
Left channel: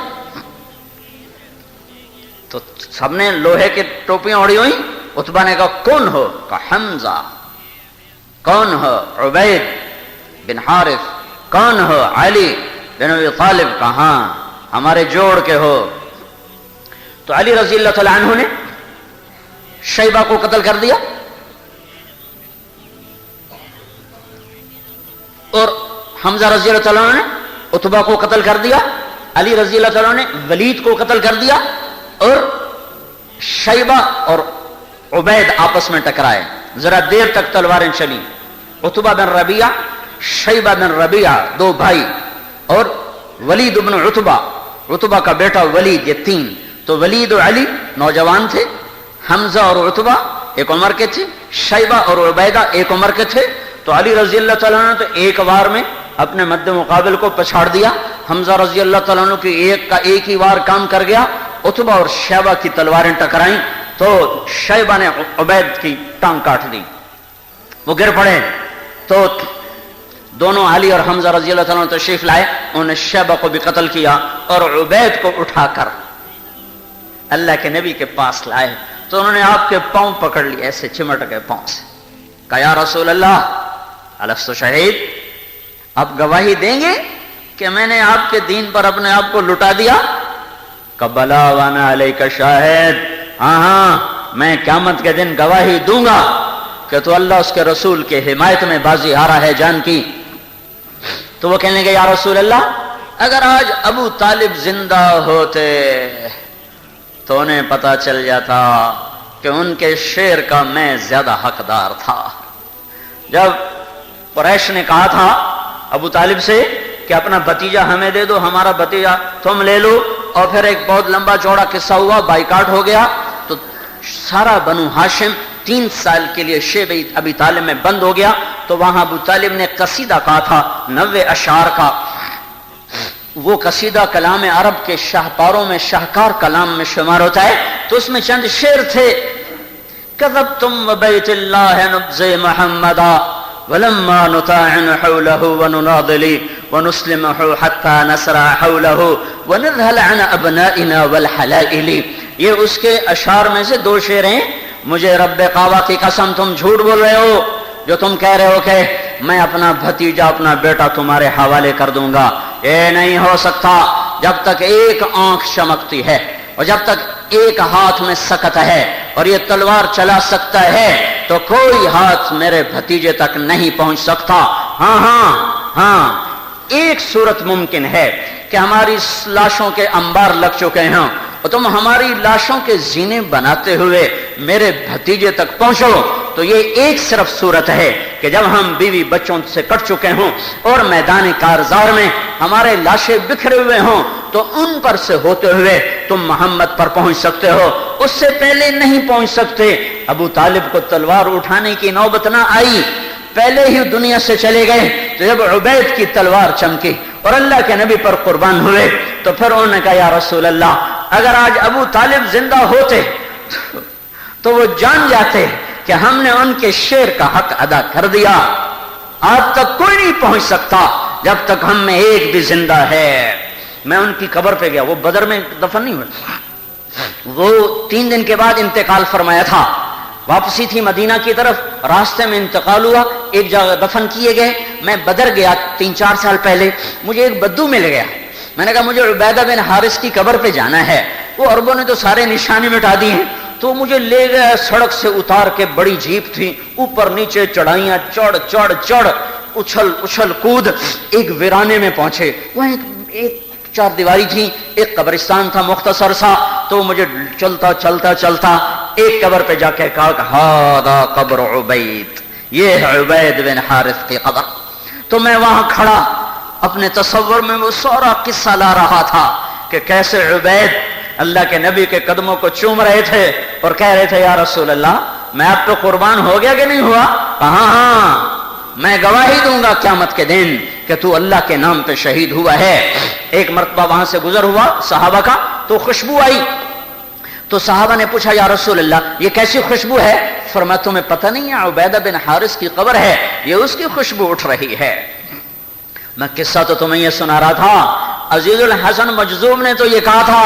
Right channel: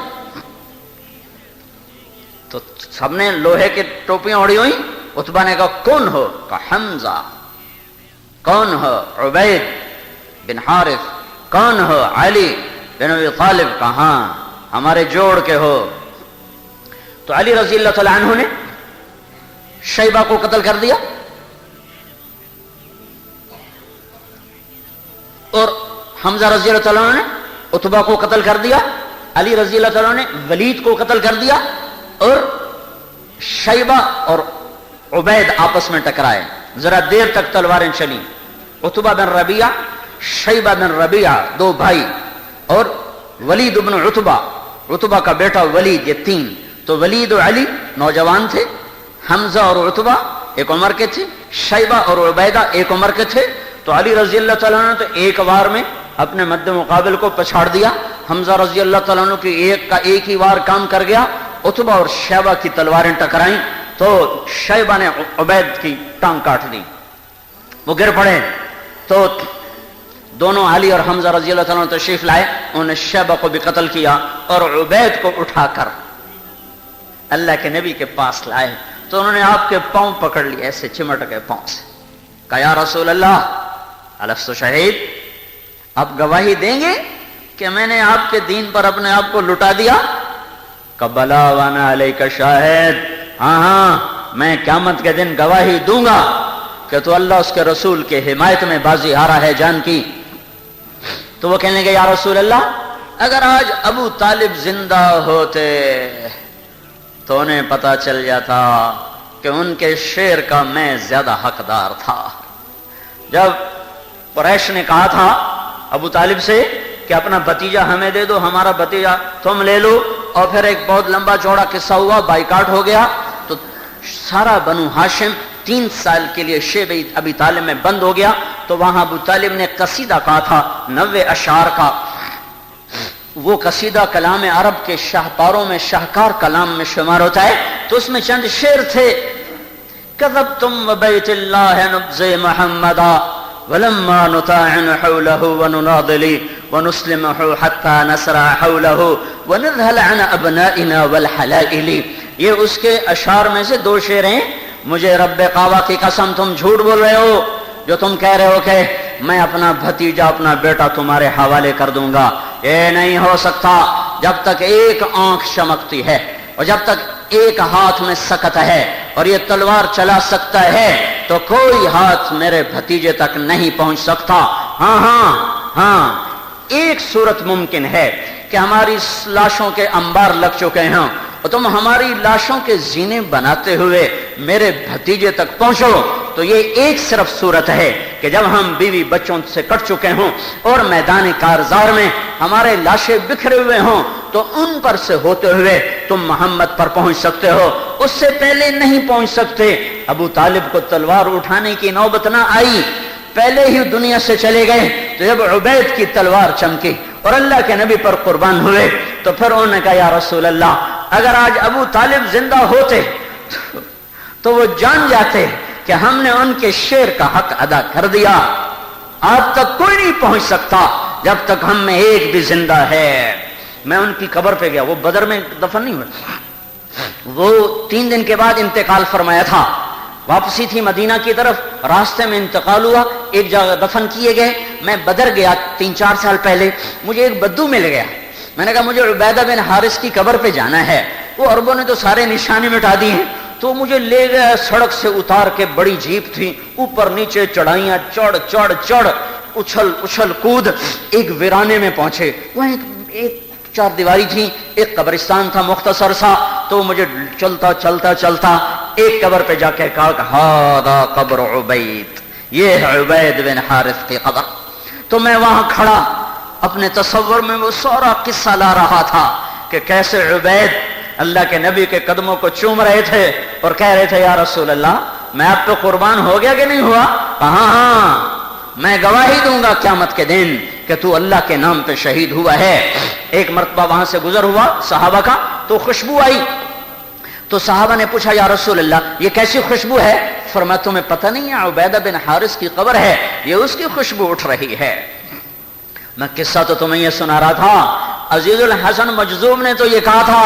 تو سب نے لوہے کی ٹوپیاں اوڑی ہوئی۔ عتبہ نے کہا کون ہو؟ کہا حمزہ۔ کون ہو؟ عبید بن حارث۔ کون ہو؟ علی بن ابی طالب۔ کہاں؟ ہمارے جوڑ کے ہو۔ تو علی رضی اللہ تعالی عنہ نے شیبہ کو قتل کر دیا، اور حمزہ رضی اللہ تعالیٰ عنہ نے عتبہ کو قتل کر دیا، علی رضی اللہ تعالیٰ عنہ نے ولید کو قتل کر دیا، اور شیبہ اور عبید آپس میں ٹکرائے، ذرا دیر تک تلواریں چلی۔ عتبہ بن ربیعہ، شیبہ بن ربیعہ، 2 بھائی، اور ولید بن عتبہ، عتبہ کا بیٹا ولید، یہ 3۔ تو ولید اور علی نوجوان تھے، حمزہ اور عتبہ ایک عمر کے تھے، شیبہ اور عبیدہ ایک عمر کے تھے۔ تو علی رضی اللہ تعالیٰ عنہ تو ایک وار میں اپنے مد مقابل کو پچھاڑ دیا، حمزہ رضی اللہ تعالیٰ عنہ کی ایک ہی وار کام کر گیا۔ عتبہ اور شیبہ کی تلواریں ٹکرائیں تو شیبہ نے عبید کی ٹانگ کاٹ دی، وہ گر پڑے۔ تو دونوں علی اور حمزہ رضی اللہ تعالیٰ عنہ تشریف لائے، انہوں نے شیبہ کو بھی قتل کیا اور عبید کو اٹھا کر اللہ کے نبی کے پاس لائے۔ تو انہوں نے آپ کے پاؤں پکڑ لیے، ایسے چمٹ کے پاؤں سے، کہا یا رسول اللہ الست شہید، آپ گواہی دیں گے کہ میں نے آپ کے دین پر اپنے آپ کو لٹا دیا؟ کہ بلا وانا علیک شاہد، ہاں میں قیامت کے دن گواہی دوں گا کہ تو اللہ اس کے رسول کے حمایت میں بازی ہارا ہے جان کی۔ تو وہ کہنے لگے یا رسول اللہ اگر آج ابو طالب زندہ ہوتے تو انہیں پتا چل جاتا کہ ان کے شیر کا میں زیادہ حقدار تھا۔ جب قریش نے کہا تھا ابو طالب سے کہ اپنا بھتیجا ہمیں دے دو، ہمارا بھتیجا تم لے لو، اور پھر ایک بہت لمبا چوڑا قصہ ہوا، بائیکاٹ ہو گیا، تو سارا بنو ہاشم 3 سال کے لیے شیب ابی طالب میں بند ہو گیا۔ تو وہاں ابو طالب نے قصیدہ کہا تھا 90 اشعار کا، وہ قصیدہ کلام عرب کے شاہکاروں میں شاہکار کلام میں شمار ہوتا ہے۔ تو اس میں چند شعر تھے كذبتم وبيت الله نبزي محمدا ولما نطاعن حوله ونناضل ونسلمه حتى نسرع حوله ونذهل عن ابنائنا والحلائل. یہ اس کے اشعار میں سے دو شعر ہیں. مجھے رب کعبہ کی قسم تم جھوٹ بول رہے ہو جو تم کہہ رہے ہو کہ میں اپنا بھتیجا اپنا بیٹا تمہارے حوالے کر دوں گا. یہ نہیں ہو سکتا. جب تک ایک آنکھ چمکتی ہے اور جب تک ایک ہاتھ میں سکت ہے اور یہ تلوار چلا سکتا ہے تو کوئی ہاتھ میرے بھتیجے تک نہیں پہنچ سکتا. ہاں ایک صورت ممکن ہے کہ ہماری لاشوں کے انبار لگ چکے ہیں اور تم ہماری لاشوں کے زینے بناتے ہوئے میرے بھتیجے تک پہنچو. تو یہ ایک صرف صورت ہے کہ جب ہم بیوی بچوں سے کٹ چکے ہوں اور میدان کارزار میں ہمارے لاشیں بکھرے ہوئے ہوں تو ان پر سے ہوتے ہوئے تم محمد پر پہنچ سکتے ہو. اس سے پہلے نہیں پہنچ سکتے. ابو طالب کو تلوار اٹھانے کی نوبت نہ آئی, پہلے ہی دنیا سے چلے گئے. تو جب عبید کی تلوار چمکی اور اللہ کے نبی پر قربان ہوئے تو پھر انہوں نے کہا یا رسول اللہ اگر آج ابو طالب زندہ ہوتے تو وہ جان جاتے کہ ہم نے ان کے شیر کا حق ادا کر دیا. آج تک کوئی نہیں پہنچ سکتا جب تک ہم میں ایک بھی زندہ ہے. میں ان کی قبر پہ گیا, وہ بدر میں دفن نہیں ہوئے, وہ 3 دن کے بعد انتقال فرمایا تھا. واپسی تھی مدینہ کی طرف, راستے میں انتقال ہوا, ایک جگہ دفن کیے گئے. میں بدر گیا 3-4 سال پہلے, مجھے ایک بدو مل گیا. میں نے کہا مجھے عبیدہ بن حارث کی قبر پہ جانا ہے. وہ عربوں نے تو سارے نشانے مٹا دی ہیں, تو مجھے لے گیا سڑک سے اتار کے. بڑی جیپ تھی, اوپر نیچے چڑھائیاں, چڑھ اچھل کود, ایک ویرانے میں پہنچے. وہاں ایک 4 دیواری تھی, ایک قبرستان تھا مختصر سا. تو مجھے چلتا ایک قبر پہ جا کے کہا کہ ہذا قبر عبید, یہ ہے عبید بن حارث کی قبر. تو میں وہاں کھڑا اپنے تصور میں وہ سارا قصہ لا رہا تھا کہ کیسے عبید اللہ کے نبی کے قدموں کو چوم رہے تھے اور کہہ رہے تھے یا رسول اللہ میں آپ پہ قربان ہو گیا کہ نہیں ہوا. ہاں میں گواہی دوں گا قیامت کے دن کہ تو اللہ کے نام پہ شہید ہوا ہے. ایک مرتبہ وہاں سے گزر ہوا صحابہ کا, تو خوشبو آئی. تو صحابہ نے پوچھا یا رسول اللہ یہ کیسی خوشبو ہے؟ فرمایا تمہیں پتہ نہیں ہے عبیدہ بن حارث کی قبر ہے, یہ اس کی خوشبو اٹھ رہی ہے. میں قصہ تو تمہیں یہ سنا رہا تھا. عزیز الحسن مجذوب نے تو یہ کہا تھا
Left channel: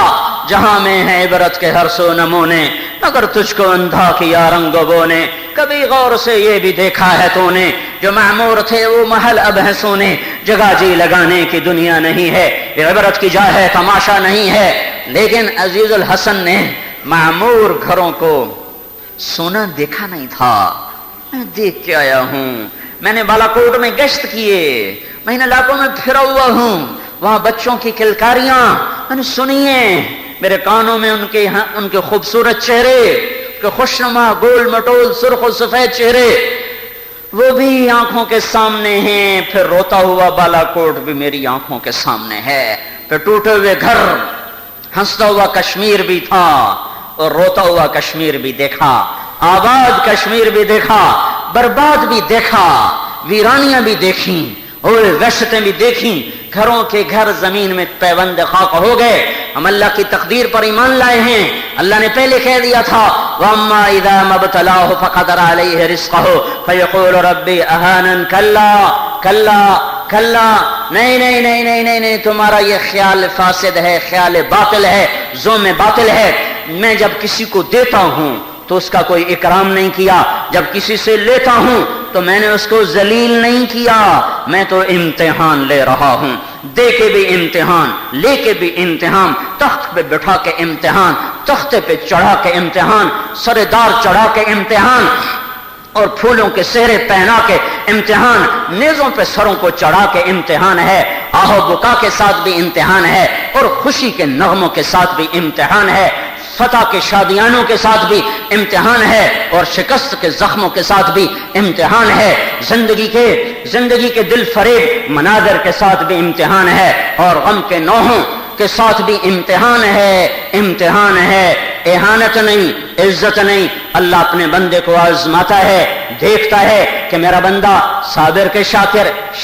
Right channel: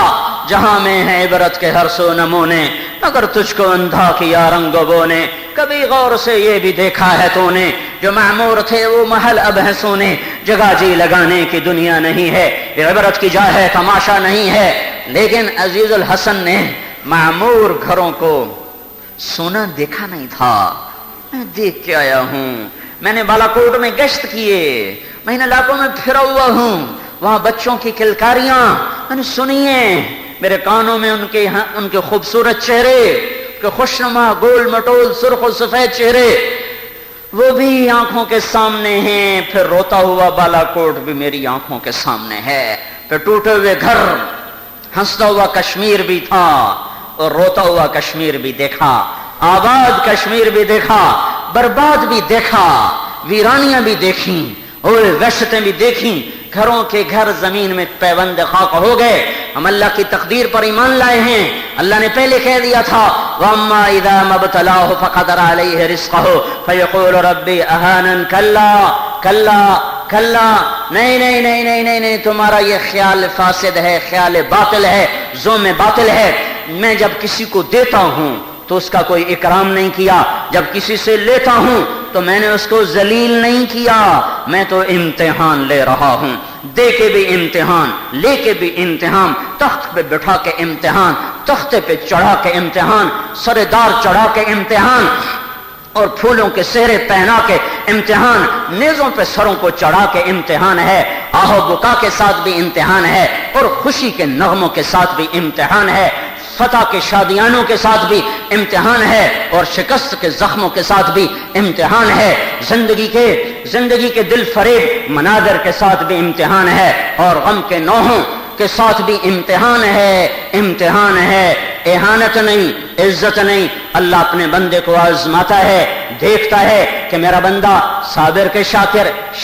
جہاں میں ہے عبرت کے ہر سو نمونے, اگر تجھ کو اندھا کیا رنگ بو نے, کبھی غور سے یہ بھی دیکھا ہے تو نے, جو معمور تھے وہ محل اب ہے سونے, جگہ جی لگانے کی دنیا نہیں ہے, یہ عبرت کی جا ہے تماشا نہیں ہے. لیکن عزیز الحسن نے معمور گھروں کو سونا دیکھا نہیں تھا. میں دیکھ کے آیا ہوں, میں نے بالا کوٹ میں گشت کیے, میں ان علاقوں میں پھرا ہوا ہوں, وہاں بچوں کی کلکاریاں میں نے سنی ہیں, میرے کانوں میں ان کے خوبصورت چہرے, کہ خوشنما گول مٹول سرخ و سفید چہرے وہ بھی آنکھوں کے سامنے ہیں. پھر روتا ہوا بالا کوٹ بھی میری آنکھوں کے سامنے ہے. پھر ٹوٹے ہوئے گھر, ہنستا ہوا کشمیر بھی تھا اور روتا ہوا کشمیر بھی دیکھا, آباد کشمیر بھی دیکھا, برباد بھی دیکھا, ویرانیاں بھی دیکھیں اور وحشتیں بھی دیکھیں. گھروں کے گھر زمین میں پیوند خاک ہو گئے. ہم اللہ کی تقدیر پر ایمان لائے ہیں. اللہ نے پہلے کہہ دیا تھا وَأَمَّا إِذَا مَا ابْتَلَاهُ فَقَدَرَ عَلَيْهِ رِزْقَهُ فَيَقُولُ رَبِّي أَهَانَنِ کلا نہیں, تمہارا یہ خیال فاسد ہے, خیال باطل ہے, ذوم باطل ہے. میں جب کسی کو دیتا ہوں تو اس کا کوئی اکرام نہیں کیا, جب کسی سے لیتا ہوں تو میں نے اس کو ذلیل نہیں کیا. میں تو امتحان لے رہا ہوں, دے کے بھی امتحان, لے کے بھی امتحان, تخت پہ بٹھا کے امتحان, تختے پہ چڑھا کے امتحان, سردار چڑھا کے امتحان, اور پھولوں کے سہرے پہنا کے امتحان, نیزوں پہ سروں کو چڑھا کے امتحان ہے, آہو بکا کے ساتھ بھی امتحان ہے, اور خوشی کے نغموں کے ساتھ بھی امتحان ہے, فتح کے شادیانوں کے ساتھ بھی امتحان ہے, اور شکست کے زخموں کے ساتھ بھی امتحان ہے, زندگی کے دل فریب مناظر کے ساتھ بھی امتحان ہے, اور غم کے نوحوں کے ساتھ بھی امتحان ہے. اہانت نہیں, عزت نہیں, اللہ اپنے بندے کو آزماتا ہے, دیکھتا ہے کہ میرا بندہ صابر کے شاکر,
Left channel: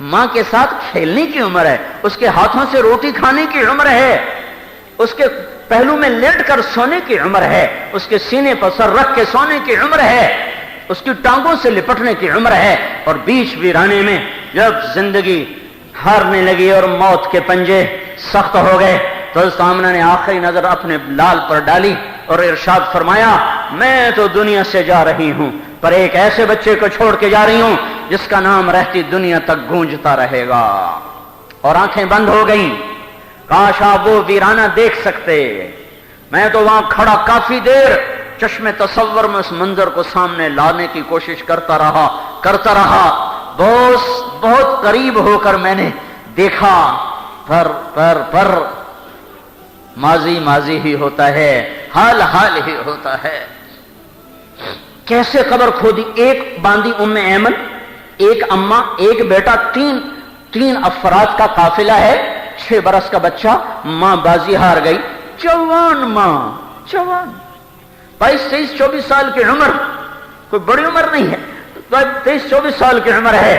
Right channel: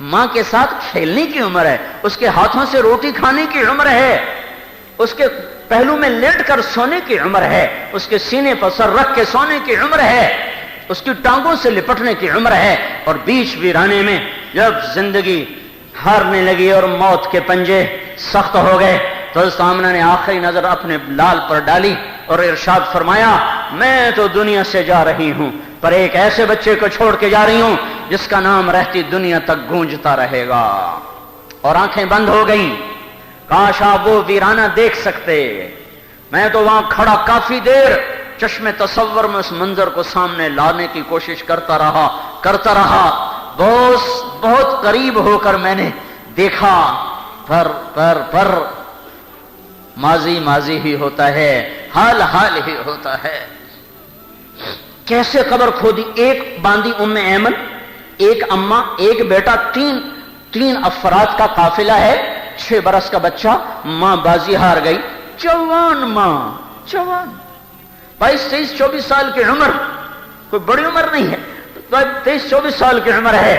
ماں کے ساتھ کھیلنے کی عمر ہے، اس کے ہاتھوں سے روٹی کھانے کی عمر ہے، اس کے پہلو میں لیٹ کر سونے کی عمر ہے، اس کے سینے پر سر رکھ کے سونے کی عمر ہے، اس کی ٹانگوں سے لپٹنے کی عمر ہے۔ اور بیچ ویرانے میں جب زندگی ہارنے لگی اور موت کے پنجے سخت ہو گئے تو سامنے نے آخری نظر اپنے لال پر ڈالی اور ارشاد فرمایا میں تو دنیا سے جا رہی ہوں پر ایک ایسے بچے کو چھوڑ کے جا رہی ہوں جس کا نام رہتی دنیا تک گونجتا رہے گا۔ اور آنکھیں بند ہو گئیں، کاش آپ وہ ویرانہ دیکھ سکتے۔ میں تو وہاں کھڑا کافی دیر چشم تصور میں اس منظر کو سامنے لانے کی کوشش کرتا رہا، بہت قریب ہو کر میں نے دیکھا، پر ماضی ماضی ہی ہوتا ہے، حال ہی ہوتا ہے۔ کیسے قبر کھودی؟ ایک باندھی ام ایمن، ایک اماں، ایک بیٹا، تین افراد کا قافلہ ہے، 6 برس کا بچہ، ماں بازی ہار گئی، جوان ماں، جوان 22 24 سال کی عمر، کوئی بڑی عمر نہیں ہے، 23 24 سال کی عمر ہے۔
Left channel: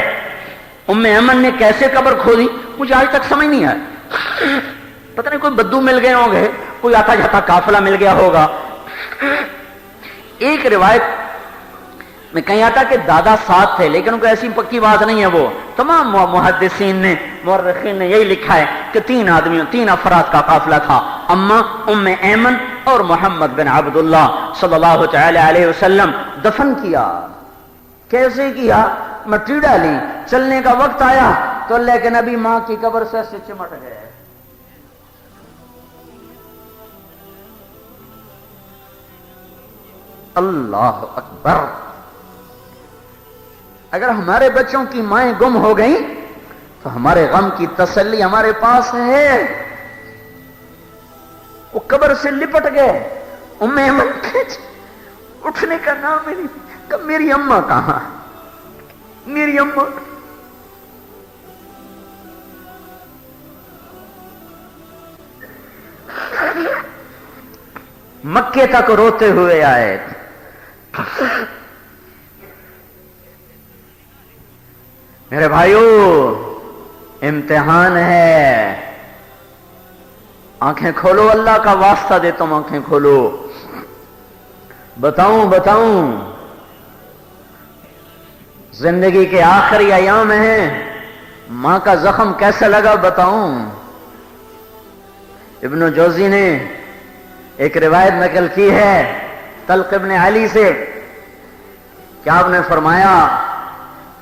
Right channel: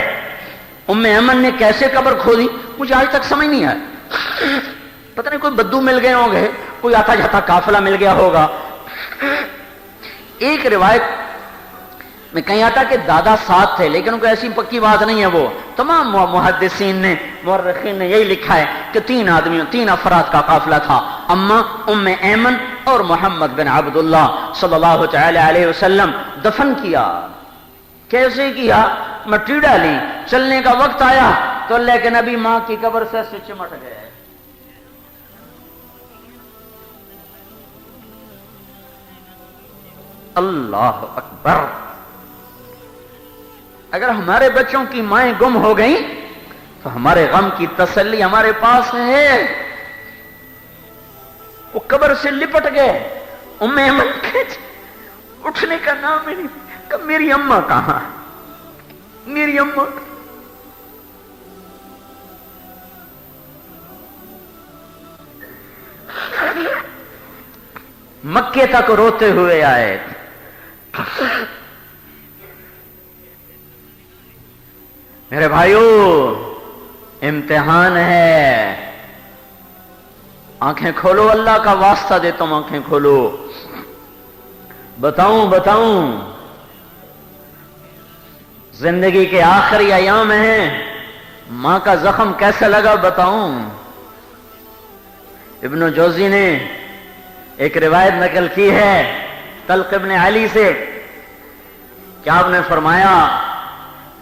ام ایمن نے کیسے قبر کھودی مجھے آج تک سمجھ نہیں آیا، پتہ نہیں کوئی بدو مل گئے ہوں گے، کوئی آتا جاتا قافلہ مل گیا ہوگا۔ ایک روایت میں کہیں آتا کہ دادا ساتھ تھے، لیکن ان کو ایسی پکی بات نہیں ہے، وہ تمام محدثین نے مورخین نے یہی لکھا ہے کہ 3 افراد کا قافلہ تھا، اماں، ام ایمن اور محمد بن عبداللہ صلی اللہ تعالی علیہ وسلم۔ دفن کیا کیسے کیا؟ مٹی ڈالی، چلنے کا وقت آیا تو اللہ کے نبی ماں کی قبر سے چمٹ گئے۔ اللہ اکبر! اگر ہمارے بچوں کی مائیں گم ہو گئیں تو ہمارے غم کی تسلی ہمارے پاس ہے، وہ قبر سے لپٹ گئے۔ ام ایمن اٹھنے کا نام ہی نہیں، میری اماں کہاں، میری اماں۔ مکے تک روتے ہوئے آئے۔ میرے بھائیو، امتحان ہے، آنکھیں کھولو، اللہ کا واسطہ دیتا ہوں، آنکھیں کھولو۔ بتاؤں زندگی کے آخری ایام ہیں، ماں کا زخم کیسا لگا بتاؤں۔ ابن جوزی نے ایک روایت نقل کی ہے طلق ابن علی سے، کیا آپ نے فرمایا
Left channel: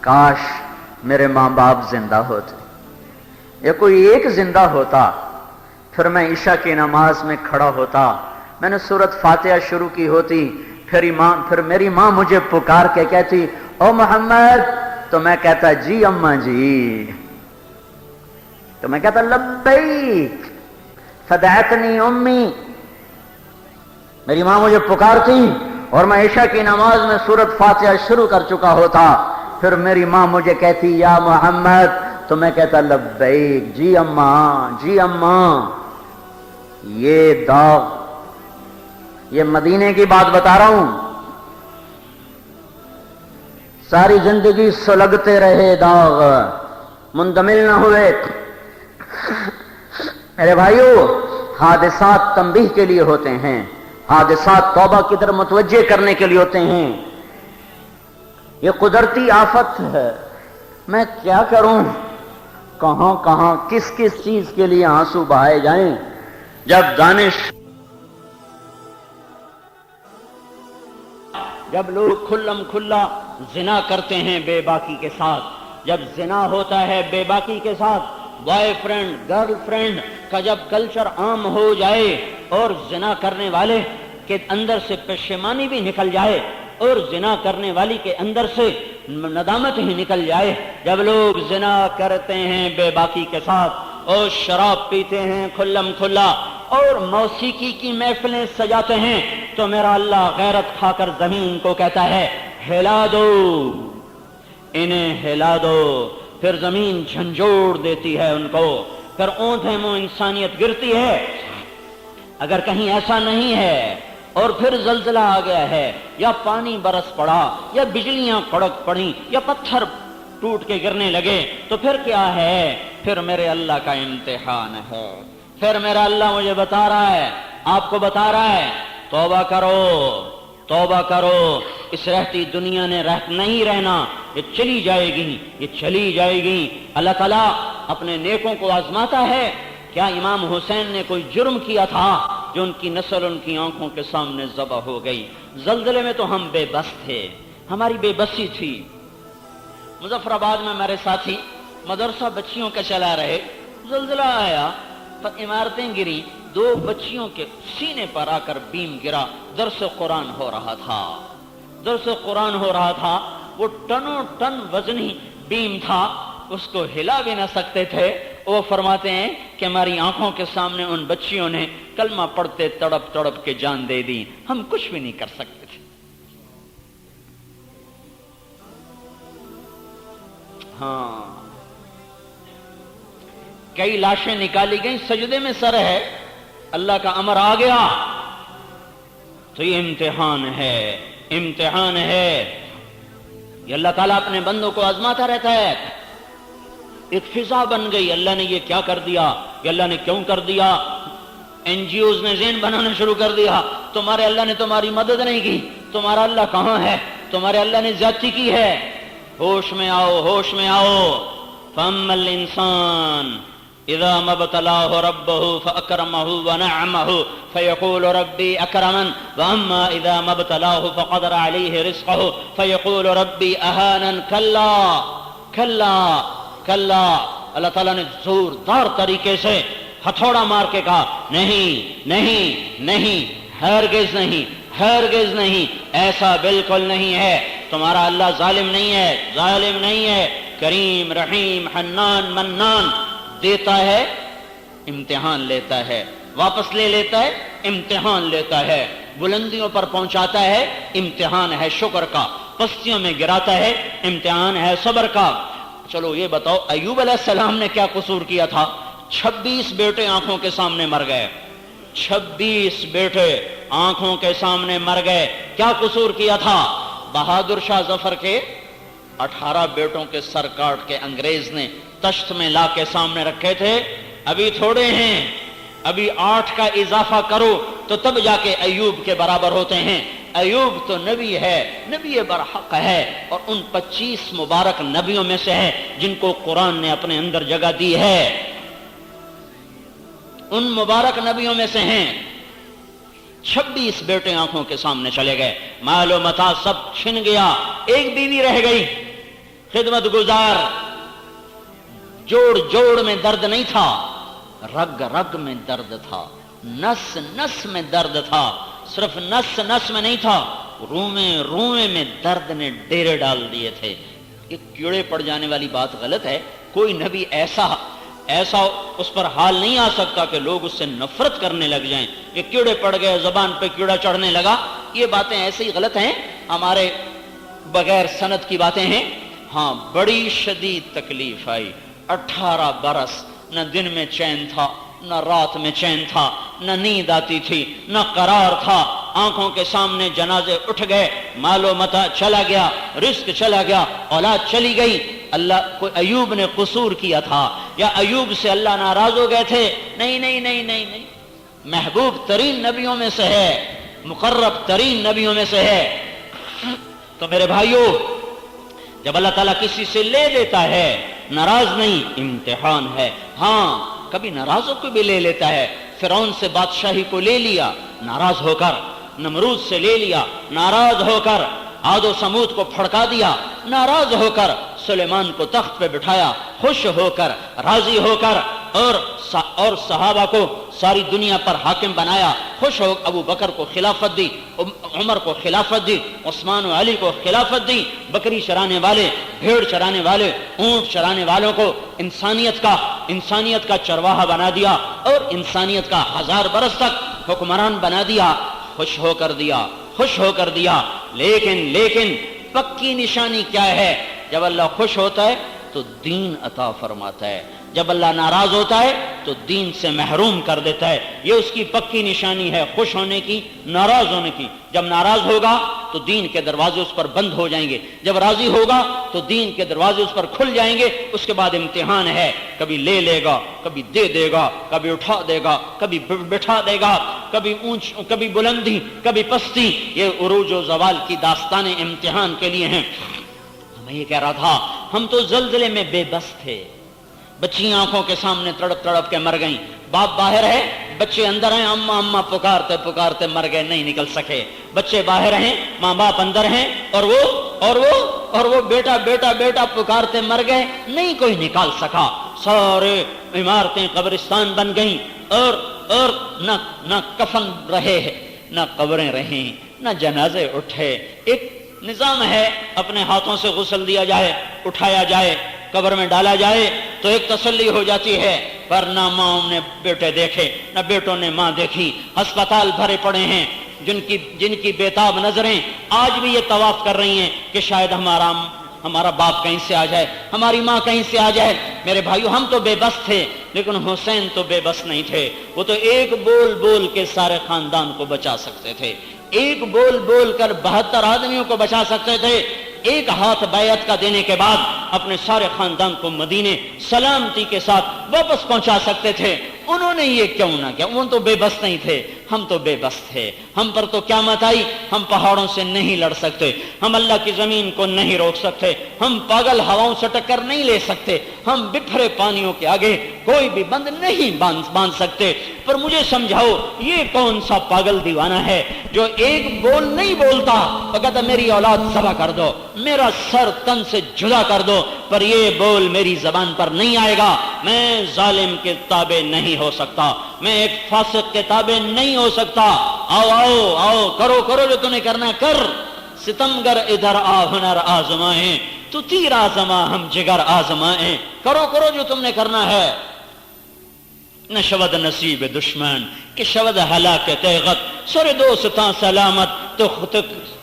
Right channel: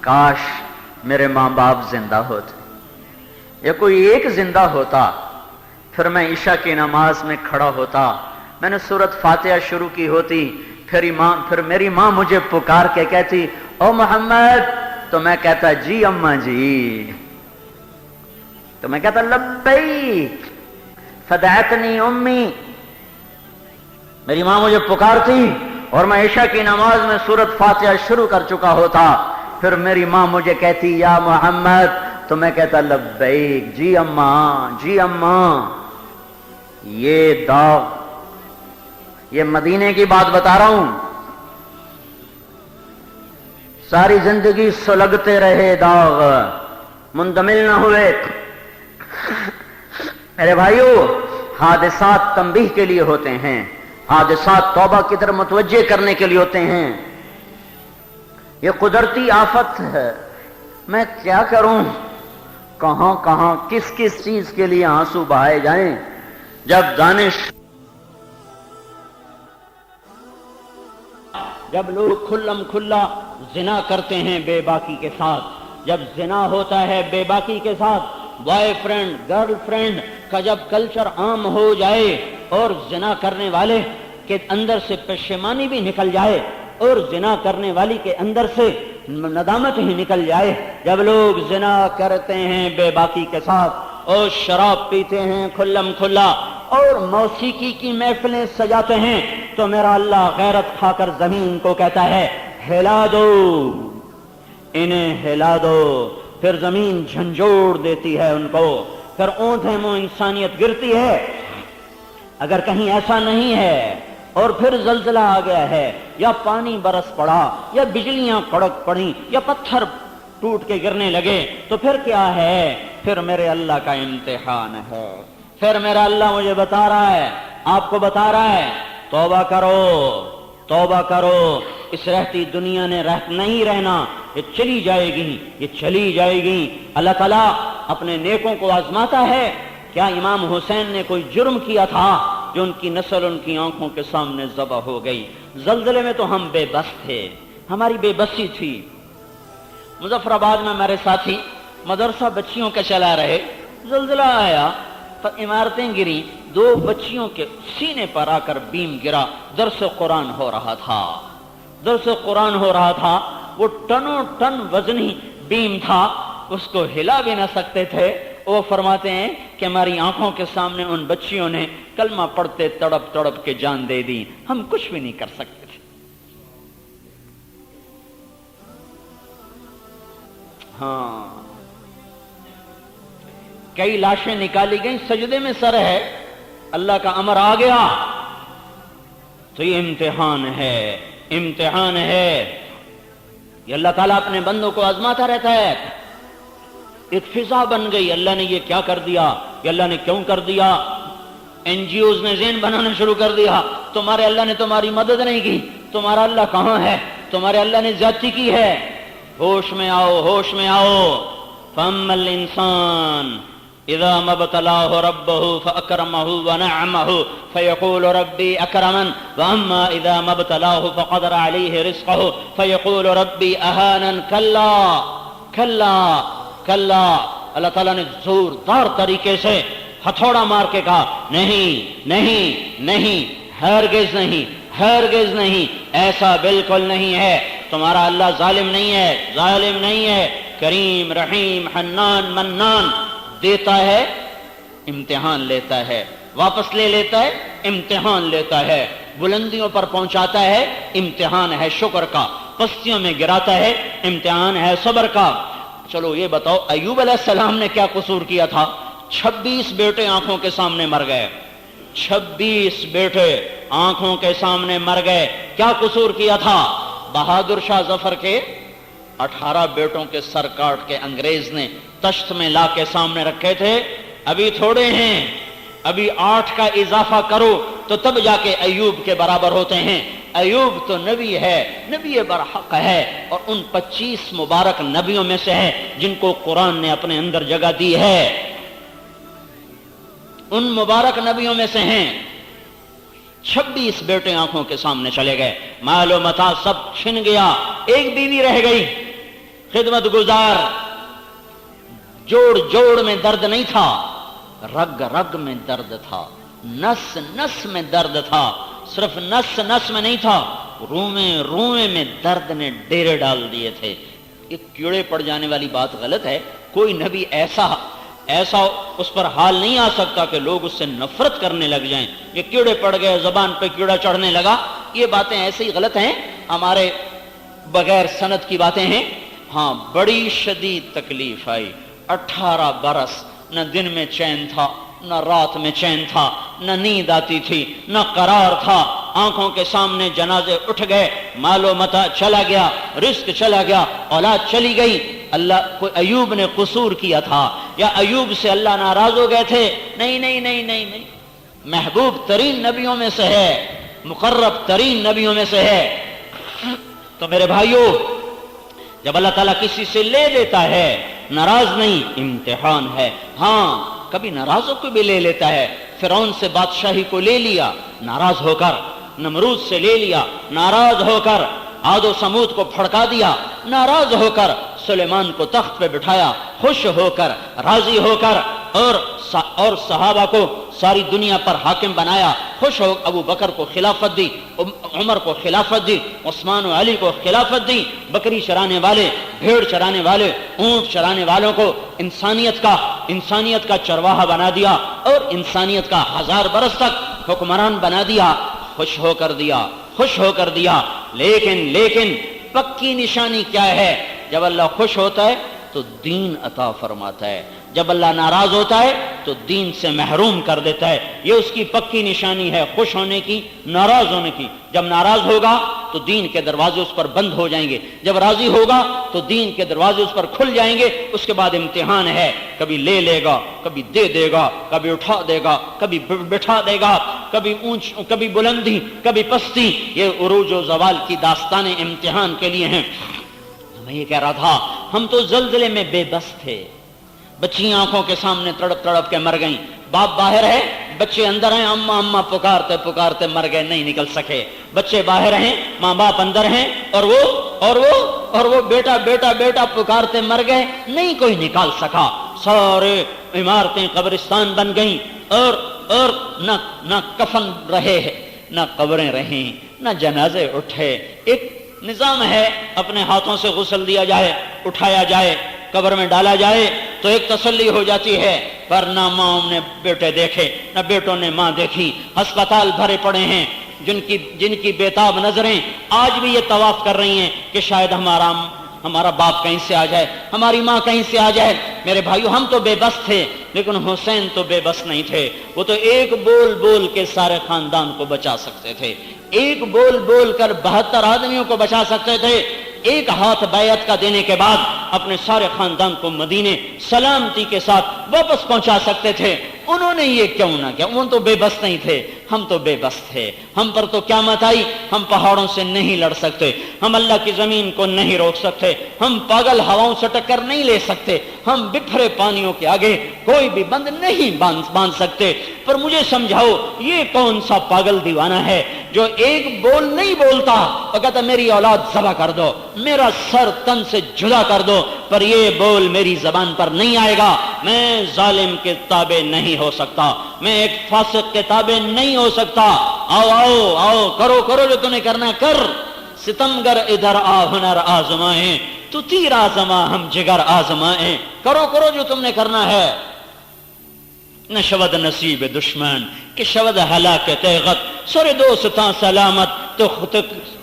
کاش میرے ماں باپ زندہ ہوتے، یا کوئی ایک زندہ ہوتا، پھر میں عشاء کی نماز میں کھڑا ہوتا، میں نے سورۃ فاتحہ شروع کی ہوتی، پھر میری ماں مجھے پکار کے کہتی او محمد، تو میں کہتا جی اماں جی، تو میں کہتا لبیک فدعتنی امی، میری ماں مجھے پکارتی اور میں عشاء کی نماز میں سورۃ فاتحہ شروع کر چکا ہوتا، پھر میری ماں مجھے کہتی یا محمد، تو میں کہتا لبیک جی اماں، جی اماں۔ یہ داغ، یہ مدینے کی بات بتا رہا ہوں، ساری زندگی سلگتے رہے داغ، مندمل نہ ہوئے۔ میرے بھائیو، حادثات تنبیہ کے لیے ہوتے ہیں، حادثات توبہ کی طرف متوجہ کرنے کے لیے ہوتے ہیں۔ یہ قدرتی آفت ہے، میں کیا کروں، کہاں کس چیز کے لیے آنسو بہائے جائیں۔ جب جب لوگ کھلم کھلا زنا کرتے ہیں بے باکی کے ساتھ، جب زنا ہوتا ہے بے باکی کے ساتھ، بوائے فرینڈ گرل فرینڈ کا جب کلچر عام ہو جائے اور زنا کرنے والے کے اندر سے پشیمانی بھی نکل جائے اور زنا کرنے والی کے اندر سے ندامت ہی نکل جائے، جب لوگ زنا کرتے ہیں بے باکی کے ساتھ اور شراب پیتے ہیں کھلم کھلا اور موسیقی کی محفلیں سجاتے ہیں، تو میرا اللہ غیرت کھا کر زمین کو کہتا ہے ہلا دو انہیں، ہلا دو۔ پھر زمین جھنجھوڑ دیتی ہے ان کو، پھر اونٹیں منہ انسانیت گرتی ہے۔ اگر کہیں ایسا نہیں ہے اور پھر زلزلہ آ گیا ہے، یا پانی برس پڑا، یا بجلیاں کڑک پڑی، یا پتھر ٹوٹ کے گرنے لگے تو پھر کیا ہے؟ پھر میرے اللہ کا امتحان ہے. پھر میرا اللہ مجھے بتا رہا ہے، آپ کو بتا رہا ہے، توبہ کرو، توبہ کرو. اس رہتی دنیا نے نہیں رہنا، یہ چلی جائے گی، یہ چلی جائے گی. اللہ تعالیٰ اپنے نیکوں کو آزماتا ہے. کیا امام حسین نے کوئی جرم کیا تھا جو ان کی نسل ان کی آنکھوں کے سامنے ذبح ہو گئی؟ زلزلے میں تو ہم بے بس تھے، ہماری بے بسی تھی. مظفر آباد میں ہمارے ساتھی مدرسہ بچیوں کا چلا رہے، زلزلہ آیا تو عمارتیں گری، 2 بچیوں کے سینے پر آ کر بیم گرا. درس قرآن ہو رہا تھا، درس قرآن ہو رہا تھا. وہ ٹنوں ٹن وزنی بیم تھا، اس کو ہلا بھی نہ سکتے تھے. وہ فرماتے ہیں کہ ہماری آنکھوں کے سامنے ان بچیوں نے کلمہ پڑھتے تڑپ تڑپ کے جان دے دی، ہم کچھ بھی نہیں کر سکتے تھے. ہاں، کئی لاشیں نکالی گئیں، سجدے میں سر ہے، اللہ کا امر آ گیا. تو یہ امتحان ہے، امتحان ہے. یہ اللہ تعالیٰ اپنے بندوں کو آزماتا رہتا ہے. ایک فضا بن گئی، اللہ نے یہ کیا کر دیا، یہ اللہ نے کیوں کر دیا. NGOs نے ذہن بنانا شروع کر دیا، تمہارے اللہ نے تمہاری مدد نہیں کی، تمہارا اللہ کہاں ہے، تمہارے اللہ نے زیادتی کی ہے. ہوش میں آؤ، ہوش میں آؤ. فَأَمَّا الْإِنسَانُ إِذَا مَا ابْتَلَاهُ رَبُّهُ فَأَكْرَمَهُ وَنَعَّمَهُ فَيَقُولُ رَبِّي أَكْرَمَنِ وَأَمَّا إِذَا مَا ابْتَلَاهُ فَقَدَرَ عَلَيْهِ رِزْقَهُ فَيَقُولُ رَبِّي أَهَانَنِ. كَلَّا كَلَّا كَلَّا. اللہ تعالیٰ نے زوردار طریقے سے ہتھوڑا مار کے کہا نہیں نہیں نہیں، ہرگز نہیں، ہرگز نہیں، ایسا بالکل نہیں ہے. تمہارا اللہ ظالم نہیں ہے، ظالم نہیں ہے. کریم، رحیم، حنان، منان. دیتا ہے، امتحان لیتا ہے، واپس لے لیتا ہے، امتحان لیتا ہے. بلندیوں پر پہنچاتا ہے، امتحان ہے شکر کا. پستیوں میں گراتا ہے، امتحان ہے صبر کا. چلو یہ بتاؤ، ایوب علیہ السلام نے کیا قصور کیا تھا؟ 26 بیٹے آنکھوں کے سامنے مر گئے، 26 بیٹے آنکھوں کے سامنے مر گئے. کیا قصور کیا تھا؟ بہادر شاہ ظفر کے 18 بیٹوں کے سر کاٹ کے انگریز نے تشت میں لا کے سامنے رکھے تھے. ابھی تھوڑے ہیں، ابھی 8 کا اضافہ کرو تو تب جا کے ایوب کے برابر ہوتے ہیں. ایوب تو نبی ہے، نبی برحق ہے، اور ان 25 مبارک نبیوں میں سے ہے جن کو قرآن نے اپنے اندر جگہ دی ہے. ان مبارک نبیوں میں سے ہیں. 26 بیٹے آنکھوں کے سامنے چلے گئے، مال و متاع سب چھن گیا، ایک بیوی رہ گئی خدمت گزار. جوڑ جوڑ میں درد نہیں تھا، رگ رگ میں درد تھا، نس نس میں درد تھا. صرف نس نس میں نہیں تھا، روئیں روئیں میں درد نے ڈیرے ڈال دیے تھے. ایک کیڑے پڑ جانے والی بات غلط ہے. کوئی نبی ایسا اس پر حال نہیں آ سکتا کہ لوگ اس سے نفرت کرنے لگ جائیں. یہ کیڑے پڑ گئے، زبان پہ کیڑا چڑھنے لگا، یہ باتیں ایسے ہی غلط ہیں، ہمارے بغیر سند کی باتیں ہیں. ہاں، بڑی شدید تکلیف آئی. 18 برس نہ دن میں چین تھا، نہ رات میں چین تھا، نہ نیند آتی تھی، نہ قرار تھا. آنکھوں کے سامنے جنازے اٹھ گئے، مال و متاع چلا گیا، رزق چلا گیا، اولاد چلی گئی. اللہ کوئی ایوب نے قصور کیا تھا یا ایوب سے اللہ ناراض ہو گئے تھے؟ نہیں نہیں نہیں نہیں نہیں. محبوب ترین نبیوں میں سے ہے، مقرب ترین نبیوں میں سے ہے. تو میرے بھائیوں، جب اللہ تعالیٰ کسی سے لے لیتا ہے، ناراض نہیں، امتحان ہے. ہاں، کبھی ناراض ہو کے بھی لے لیتا ہے. فرعون سے بادشاہی کو لے لیا ناراض ہو کر، نمرود سے لے لیا ناراض ہو کر، عاد و سمود کو پھڑکا دیا ناراض ہو کر، سلیمان کو تخت پہ بٹھایا خوش ہو کر، راضی ہو کر، اور صحابہ کو ساری دنیا پر حاکم بنایا خوش ہو. ابو بکر کو خلافت دی، عمر کو خلافت دی، عثمان و علی کو خلافت دی. بکری چرانے والے، بھیڑ چرانے والے، اونٹ چرانے والوں کو انسانیت کا چرواہا بنا دیا اور انسانیت کا 1000 برس تک حکمران بنا دیا. خوش ہو کر دیا، خوش ہو کر دیا. لیکن پکی نشانی کیا ہے؟ جب اللہ خوش ہوتا ہے تو دین عطا فرماتا ہے. جب اللہ ناراض ہوتا ہے تو دین سے محروم کر دیتا ہے. یہ اس کی پکی نشانی ہے خوش ہونے کی، ناراض ہونے کی. جب ناراض ہوگا تو دین کے دروازے اس پر بند ہو جائیں گے، جب راضی ہوگا تو دین کے دروازے اس پر کھل جائیں گے. اس کے بعد امتحان ہے، کبھی لے لے گا، کبھی دے دے گا، کبھی اٹھا دے گا، کبھی بٹھا دے گا، کبھی اونچ کبھی بلندی کبھی پستی. یہ عروج و زوال کی داستانیں امتحان کے لیے ہیں. میں یہ کہہ رہا تھا ہم تو زلزلے میں بے بس تھے. بچیاں آنکھوں کے سامنے تڑپ تڑپ کے مر گئیں. باپ باہر ہے، بچے اندر ہیں، اماں اماں پکارتے پکارتے مر گئے، نہیں نکل سکے. بچے باہر ہیں، ماں باپ اندر ہیں، اور وہ بیٹا بیٹا بیٹا پکارتے مر گئے، نہیں کوئی نکال سکا. سارے عمارتیں قبرستان بن گئیں، اور نہ کفن رہے، نہ قبریں رہیں، نہ جنازے اٹھے. ایک نظام ہے، اپنے ہاتھوں سے غسل دیا جائے، اٹھایا جائے، قبر میں ڈالا جائے تو ایک تسلی ہو جاتی ہے. پر نہ ماں نے بیٹے دیکھے، نہ بیٹوں نے ماں دیکھی. ہسپتال بھرے پڑے ہیں، جن کی بےتاب نظریں آج بھی یہ طواف کر رہی ہیں کہ شاید ہمارا باپ کہیں سے آ جائے، ہماری ماں کہیں سے آ جائے. میرے بھائیو، ہم تو بے بس تھے، لیکن حسین تو بے بس نہیں تھے. وہ تو ایک بول بول کے سارے خاندان کو بچا سکتے تھے، ایک بول بول کر 72 آدمیوں کو بچا سکتے تھے. ایک ہاتھ بیعت کا دینے کے بعد اپنے سارے خاندان کو مدینے سلامتی کے ساتھ واپس پہنچا سکتے تھے. انہوں نے یہ کیوں نہ کیا؟ وہ تو بے بس نہیں تھے، ہم تو بے بس تھے. ہم پر تو قیامت آئی، ہم پہاڑوں سے نہیں لڑ سکتے، ہم اللہ کی زمین کو نہیں روک سکتے، ہم پاگل ہواؤں سے ٹکر نہیں لے سکتے، ہم بکھرے پانیوں کے آگے کوئی بھی بند نہیں باندھ سکتے. پر مجھے سمجھاؤ، یہ کون سا پاگل دیوانہ ہے جو ایک بول نہیں بولتا اور کہتا میری اولاد ذبح کر دو، میرا سر تن سے جدا کر دو، پر یہ بول میری زبان پر نہیں آئے گا. میں ظالم کے تابع نہیں ہو سکتا، میں ایک فاسق کے تابع نہیں ہو سکتا. آؤ آؤ آؤ، کرو کرو جو تم نے کرنا کر. ستمگر ادھر آ، ہنر آزمائیں، تو تیر آزما ہم جگر آزمائیں. کرو کرو جو تم نے کرنا ہے. نہ شود نصیب دشمن کہ شود ہلاک تیغت، سر دوستاں سلامت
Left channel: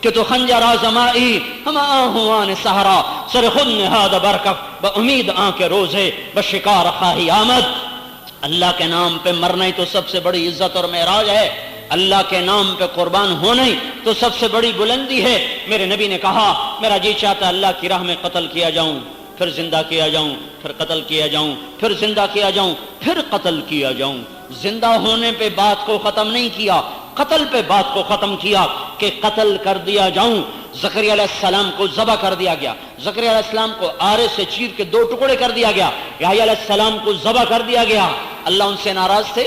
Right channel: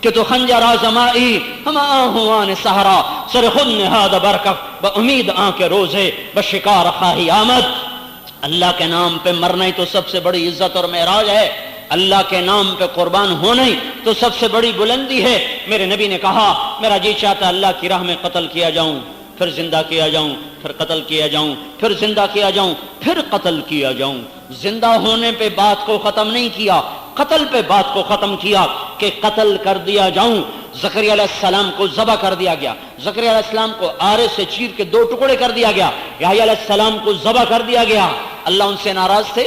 کہ تو خنجر آزمائی. ہم آہوان سہرا سر خود نہاد برکف، بامید آنکھ روزے بشکار خواہی آمد. اللہ کے نام پہ مرنا ہی تو سب سے بڑی عزت اور معراج ہے. اللہ کے نام پہ قربان ہونا ہی تو سب سے بڑی بلندی ہے. میرے نبی نے کہا میرا جی چاہتا اللہ کی راہ میں قتل کیا جاؤں، پھر زندہ کیا جاؤں، پھر قتل کیا جاؤں، پھر زندہ کیا جاؤں، پھر قتل کیا جاؤں. زندہ ہونے پہ بات کو ختم نہیں کیا، قتل پہ بات کو ختم کیا کہ قتل کر دیا جاؤں. زکریا علیہ السلام کو ذبح کر دیا گیا، زکریا علیہ السلام کو آرے سے چیر کے 2 ٹکڑے کر دیا گیا، یحییٰ علیہ السلام کو ذبح کر دیا گیا. اللہ ان سے ناراض تھے؟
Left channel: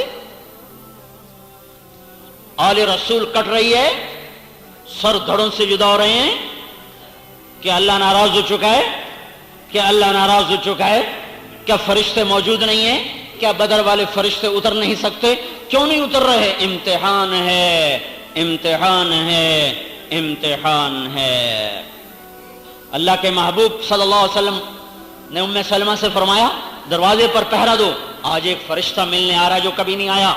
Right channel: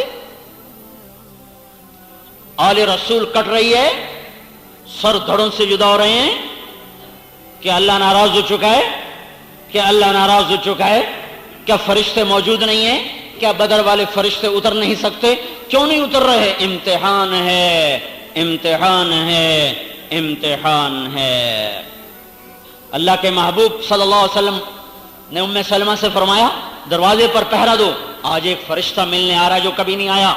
آل رسول کٹ رہی ہے، سر دھڑوں سے جدا ہو رہے ہیں. کیا اللہ ناراض ہو چکا ہے؟ کیا اللہ ناراض ہو چکا ہے؟ کیا فرشتے موجود نہیں ہیں؟ کیا بدر والے فرشتے اتر نہیں سکتے؟ کیوں نہیں اتر رہے؟ امتحان ہے، امتحان ہے، امتحان ہے. اللہ کے محبوب صلی اللہ علیہ وسلم نے ام سلمہ سے فرمایا دروازے پر پہرا دو، آج ایک فرشتہ ملنے آ رہا ہے جو کبھی نہیں آیا.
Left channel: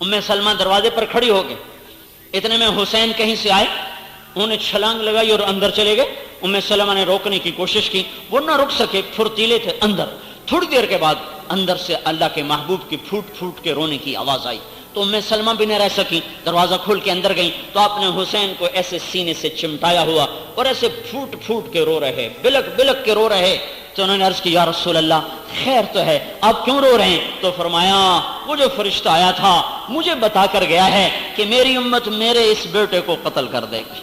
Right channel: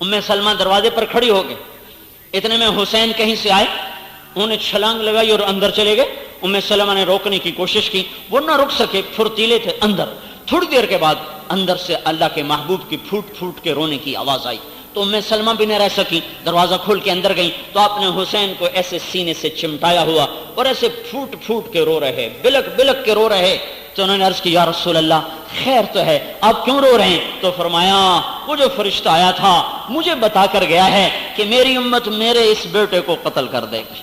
ام سلمہ دروازے پر کھڑی ہو گئی. اتنے میں حسین کہیں سے آئے، انہوں نے چھلانگ لگائی اور اندر چلے گئے. ام سلمہ نے روکنے کی کوشش کی، وہ نہ رک سکے، پھرتیلے تھے اندر. تھوڑی دیر کے بعد اندر سے اللہ کے محبوب کی پھوٹ پھوٹ کے رونے کی آواز آئی. تو ام سلمہ بھی نہ رہ سکی، دروازہ کھول کے اندر گئی تو آپ نے حسین کو ایسے سینے سے چمٹایا ہوا اور ایسے پھوٹ پھوٹ کے رو رہے، بلک بلک کے رو رہے. تو انہوں نے عرض کی یا رسول اللہ خیر تو ہے، آپ کیوں رو رہے ہیں؟ تو فرمایا وہ جو فرشتہ آیا تھا مجھے بتا کر گیا ہے کہ میری امت میرے اس بیٹے کو قتل کر دے گی،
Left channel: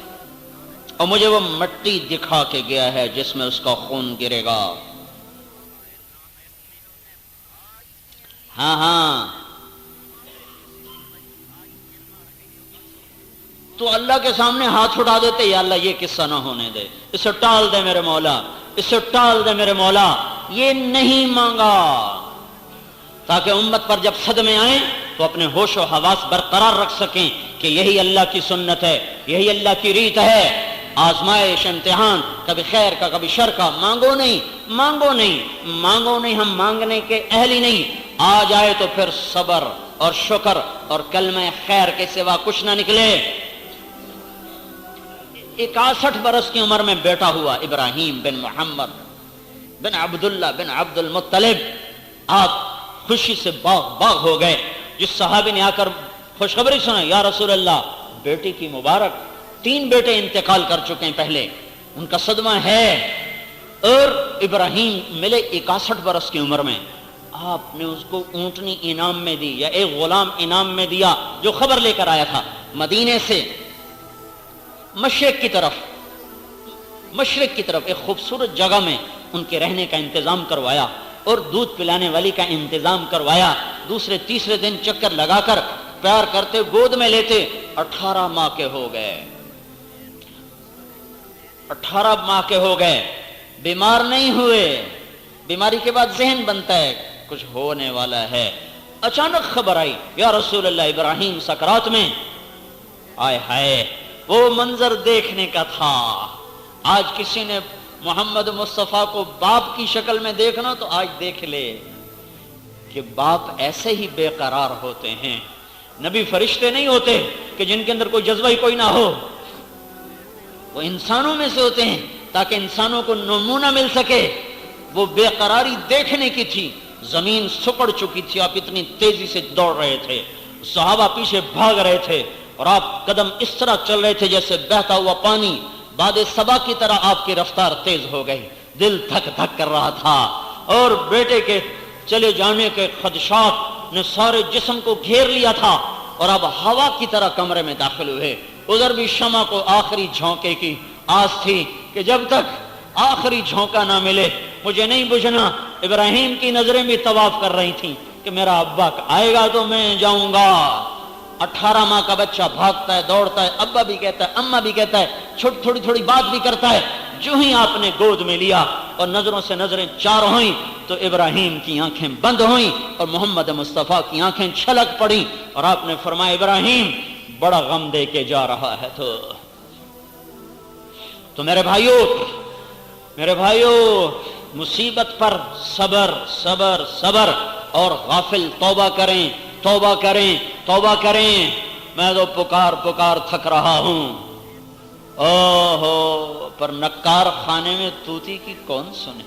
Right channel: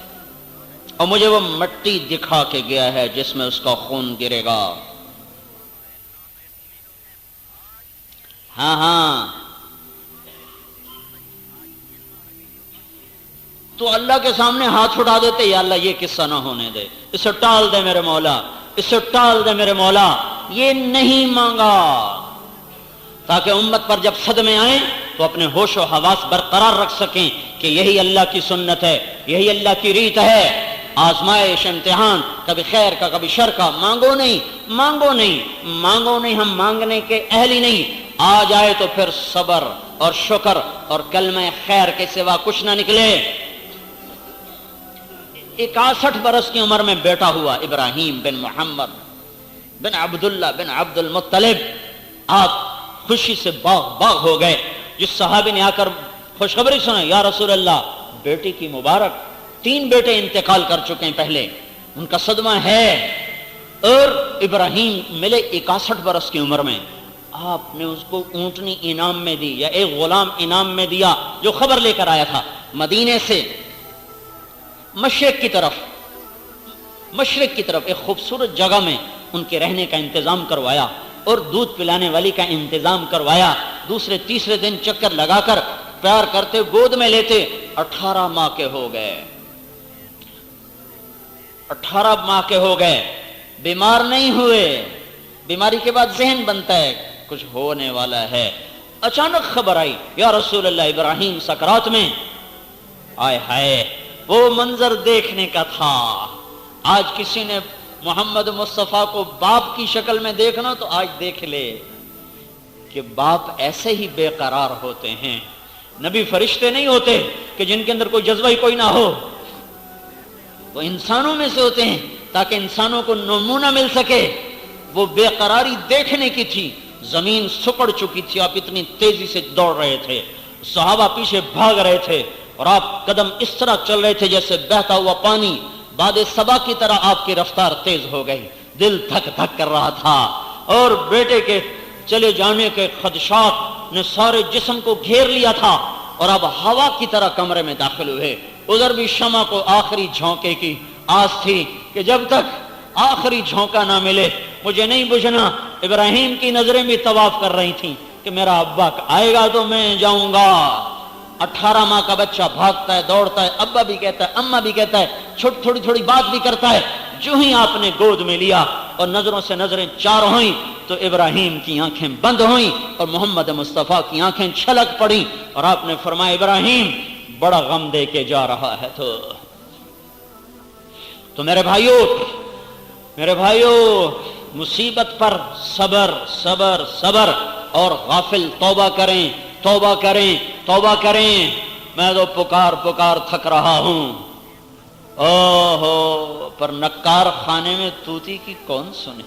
اور مجھے وہ مٹی دکھا کے گیا ہے جس میں اس کا خون گرے گا. ہاں ہاں، تو اللہ کے سامنے ہاتھ اٹھا دیتے، یا اللہ یہ قصہ نہ ہونے دے، اسے ٹال دے میرے مولا، اسے ٹال دے میرے مولا. یہ نہیں مانگا تاکہ امت پر جب صدمے آئیں تو اپنے ہوش و حواس برقرار رکھ سکیں کہ یہی اللہ کی سنت ہے، یہی اللہ کی ریت ہے. آزمائش، امتحان، کبھی خیر کا کبھی شر کا. مانگو نہیں، مانگو نہیں، مانگو نہیں، ہم مانگنے کے اہل ہی نہیں. آ جائے تو پھر صبر اور شکر اور کلمہ خیر کے سوا کچھ نہ نکلے. 61 برس کی عمر میں بیٹا ہوا ابراہیم بن محمد. بن عبداللہ بن عبد المطلب، آپ خوشی سے باغ باغ ہو گئے. جس صحابی نے آ کر خوشخبری سنا، یا رسول اللہ بیٹی کی مبارک، 3 بیٹے انتقال کر چکے ہیں پہلے، ان کا صدمہ ہے، اور ابراہیم ملے 61 برس کی عمر میں. آپ نے اس کو اونٹنی انعام میں دی، یا ایک غلام انعام میں دیا جو خبر لے کر آیا تھا مدینے سے مشرق کی طرف ایک خوبصورت جگہ میں ان کے رہنے کا انتظام کروایا اور دودھ پلانے والی کا انتظام کروایا. دوسرے تیسرے دن چکر لگا کر پیار کرتے، گود میں لیتے. 18 ماہ کے ہو گئے، 18 ماہ کے ہو گئے، بیمار نہیں ہوئے. بیماری کے بعد ذہن بنتا ہے کچھ ہونے والا ہے. اچانک خبر آئی، یا رسول اللہ ابراہیم سکرات میں. آئے ہائے، وہ منظر دیکھنے کا تھا. آج کسی نے محمد مصطفیٰ کو باپ کی شکل میں دیکھنا تو آج دیکھ لے کہ باپ ایسے ہی بے قرار ہوتے ہیں. نبی فرشتے نہیں ہوتے کہ جن کے اندر کوئی جذبہ ہی کوئی نہ ہو، وہ انسانوں میں سے ہوتے ہیں تاکہ انسانوں کو نمونہ مل سکے. وہ بے قراری دیکھنے کی تھی. زمین سکڑ چکی تھی، آپ اتنی تیزی سے دوڑ رہے تھے، صحابہ پیچھے بھاگ رہے تھے، اور آپ قدم اس طرح چل رہے تھے جیسے بہتا ہوا پانی. باد صبا کی طرح آپ کی رفتار تیز ہو گئی. دل دھک دھک کر رہا تھا، اور بیٹے کے چلے جانے کے خدشات نے سارے جسم کو گھیر لیا تھا. اور اب ہوا کی طرح کمرے میں داخل ہوئے. ادھر بھی شمع کو آخری جھونکے کی آس تھی کہ جب تک آخری جھونکا نہ ملے مجھے نہیں بجھنا. ابراہیم کی نظریں بھی طواف کر رہی تھیں کہ میرا ابا آئے گا تو میں جاؤں گا. 18 ماہ کا بچہ بھاگتا ہے، دوڑتا ہے، ابا بھی کہتا ہے، اماں بھی کہتا ہے، تھوڑی تھوڑی بات بھی کرتا ہے. جو ہی آپ نے گود میں لیا اور نظروں سے نظریں چار ہوئیں تو ابراہیم کی آنکھیں بند ہوئیں اور محمد مصطفیٰ کی آنکھیں چھلک پڑیں، اور آپ نے فرمایا ابراہیم بڑا غم دے کے جا رہا ہے. تو میرے بھائیو مصیبت پر صبر صبر صبر، اور غافل توبہ کریں. میں تو پکار تھک رہا ہوں. اوہو، پر نکار خانے میں توتی کی کون سنے.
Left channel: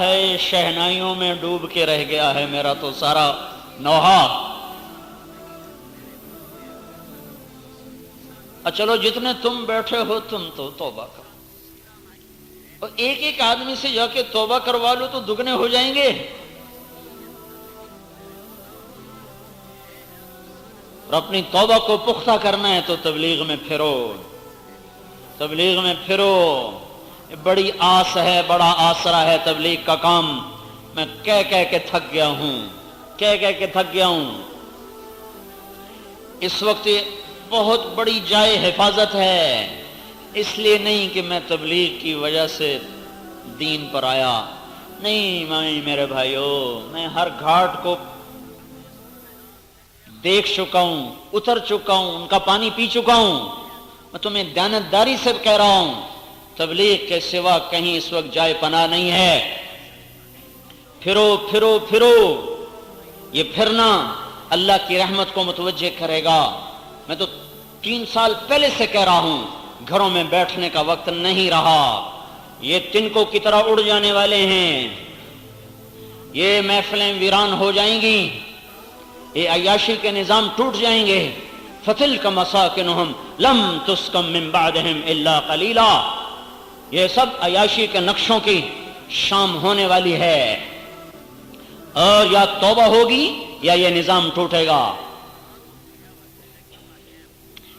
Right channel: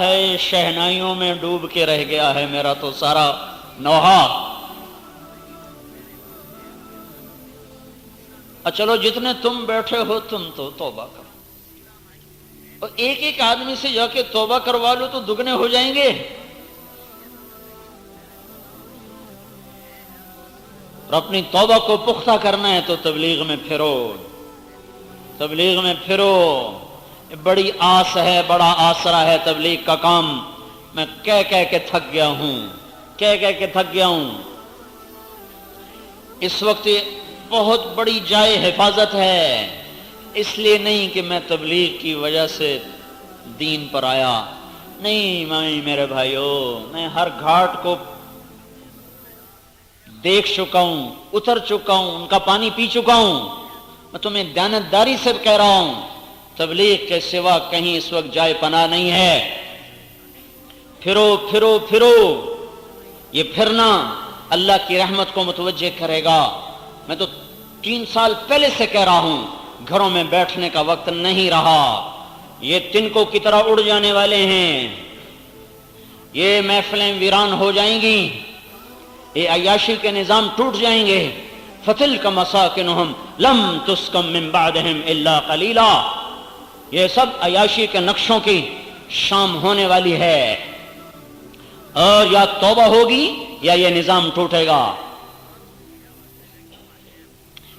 ہے شہنائیوں میں ڈوب کے رہ گیا ہے میرا تو سارا نوحہ. چلو جتنے تم بیٹھے ہو تم تو توبہ کرو، اور ایک آدمی سے جا کے توبہ کروا لو تو دگنے ہو جائیں گے. اور اپنی توبہ کو پختہ کرنا ہے تو تبلیغ میں پھرو. بڑی آس ہے، بڑا آسرا ہے تبلیغ کا کام. میں کہہ کے تھک گیا ہوں. اس وقت بہت بڑی جائے حفاظت ہے، اس لیے نہیں کہ میں تبلیغ کی وجہ سے دین پر آیا. نہیں میرے بھائیو، میں ہر گھاٹ کو دیکھ چکا ہوں، اتر چکا ہوں، ان کا پانی پی چکا ہوں. میں تمہیں دیانتداری سے کہہ رہا ہوں، تبلیغ کے سوا کہیں اس وقت جائے پناہ نہیں ہے. پھرو. یہ پھرنا اللہ کی رحمت کو متوجہ کرے گا. میں تو 3 سال پہلے سے کہہ رہا ہوں، گھروں میں بیٹھنے کا وقت نہیں رہا. یہ تنکوں کی طرح اڑ جانے والے ہیں. یہ محفلیں ویران ہو جائیں گی، یہ عیاشی کے نظام ٹوٹ جائیں گے. فَتِلْكَ مَسَاكِنُهُمْ لَمْ تُسْكَنْ مِنْ بَعْدِهِمْ إِلَّا قَلِيلًا. یہ سب عیاشی کے نقشوں کی شام ہونے والی ہے، اور یا توبہ ہوگی یا یہ نظام ٹوٹے گا.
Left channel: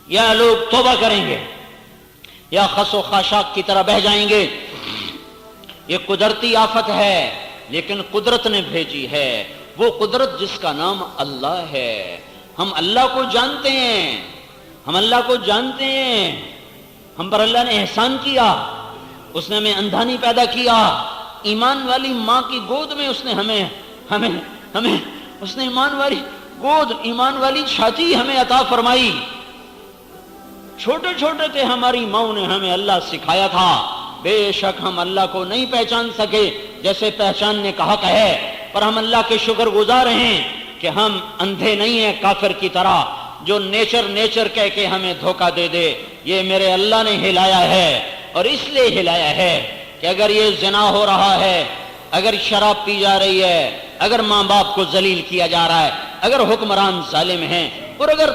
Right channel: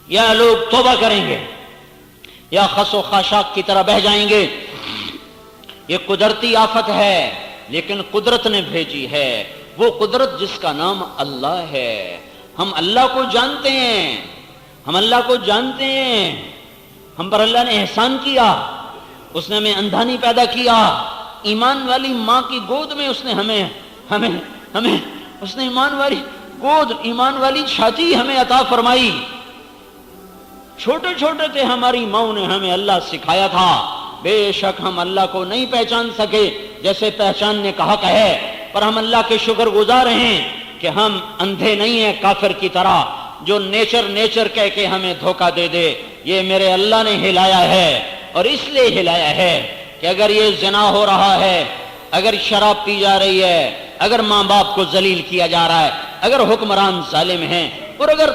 یا لوگ توبہ کریں گے یا خس و خاشاک کی طرح بہہ جائیں گے. یہ قدرتی آفت ہے، لیکن قدرت نے بھیجی ہے. وہ قدرت جس کا نام اللہ ہے. ہم اللہ کو جانتے ہیں، ہم پر اللہ نے احسان کیا. اس نے ہمیں اندھا نہیں پیدا کیا. ایمان والی ماں کی گود میں اس نے ہمیں اس نے ایمان والی چھاتی ہمیں عطا فرمائی. چھوٹے تھے ہماری ماں نے ہمیں اللہ سکھایا تھا. بے شک ہم اللہ کو نہیں پہچان سکے جیسے پہچاننے کا حق ہے، پر ہم اللہ کے شکر گزار ہیں کہ ہم اندھے نہیں ہیں کافر کی طرح جو نیچر کہہ کے ہمیں دھوکہ دے. یہ میرے اللہ نے ہلایا ہے. اور اس لیے ہلایا ہے کہ اگر یہ زنا ہو رہا ہے، اگر شراب پی جا رہی ہے، اگر ماں باپ کو ذلیل کیا جا رہا ہے، اگر حکمران ظالم ہیں، اور اگر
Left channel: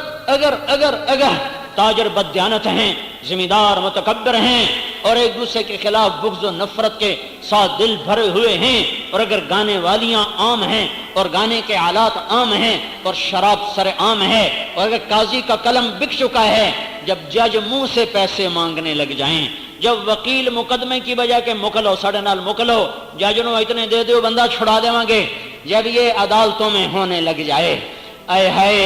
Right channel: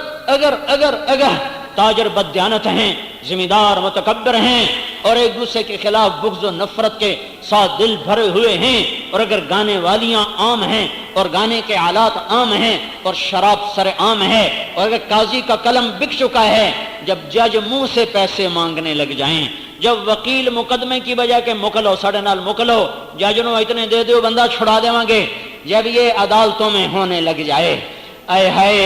تاجر بددیانت ہیں، ذمہ دار متکبر ہیں، اور ایک دوسرے کے خلاف بغض و نفرت کے ساتھ دل بھرے ہوئے ہیں، اور اگر گانے والیاں عام ہیں اور گانے کے آلات عام ہیں اور شراب سر عام ہے، اور اگر قاضی کا قلم بک چکا ہے، جب جج منہ سے پیسے مانگنے لگ جائیں، جب وکیل مقدمے کی بجائے کہ مکلو ساڑھے نال مکلو جج نو اتنے دے دیو بندہ چھڑا دیواں گے، جب یہ عدالتوں میں ہونے لگ جائے، اے ہائے،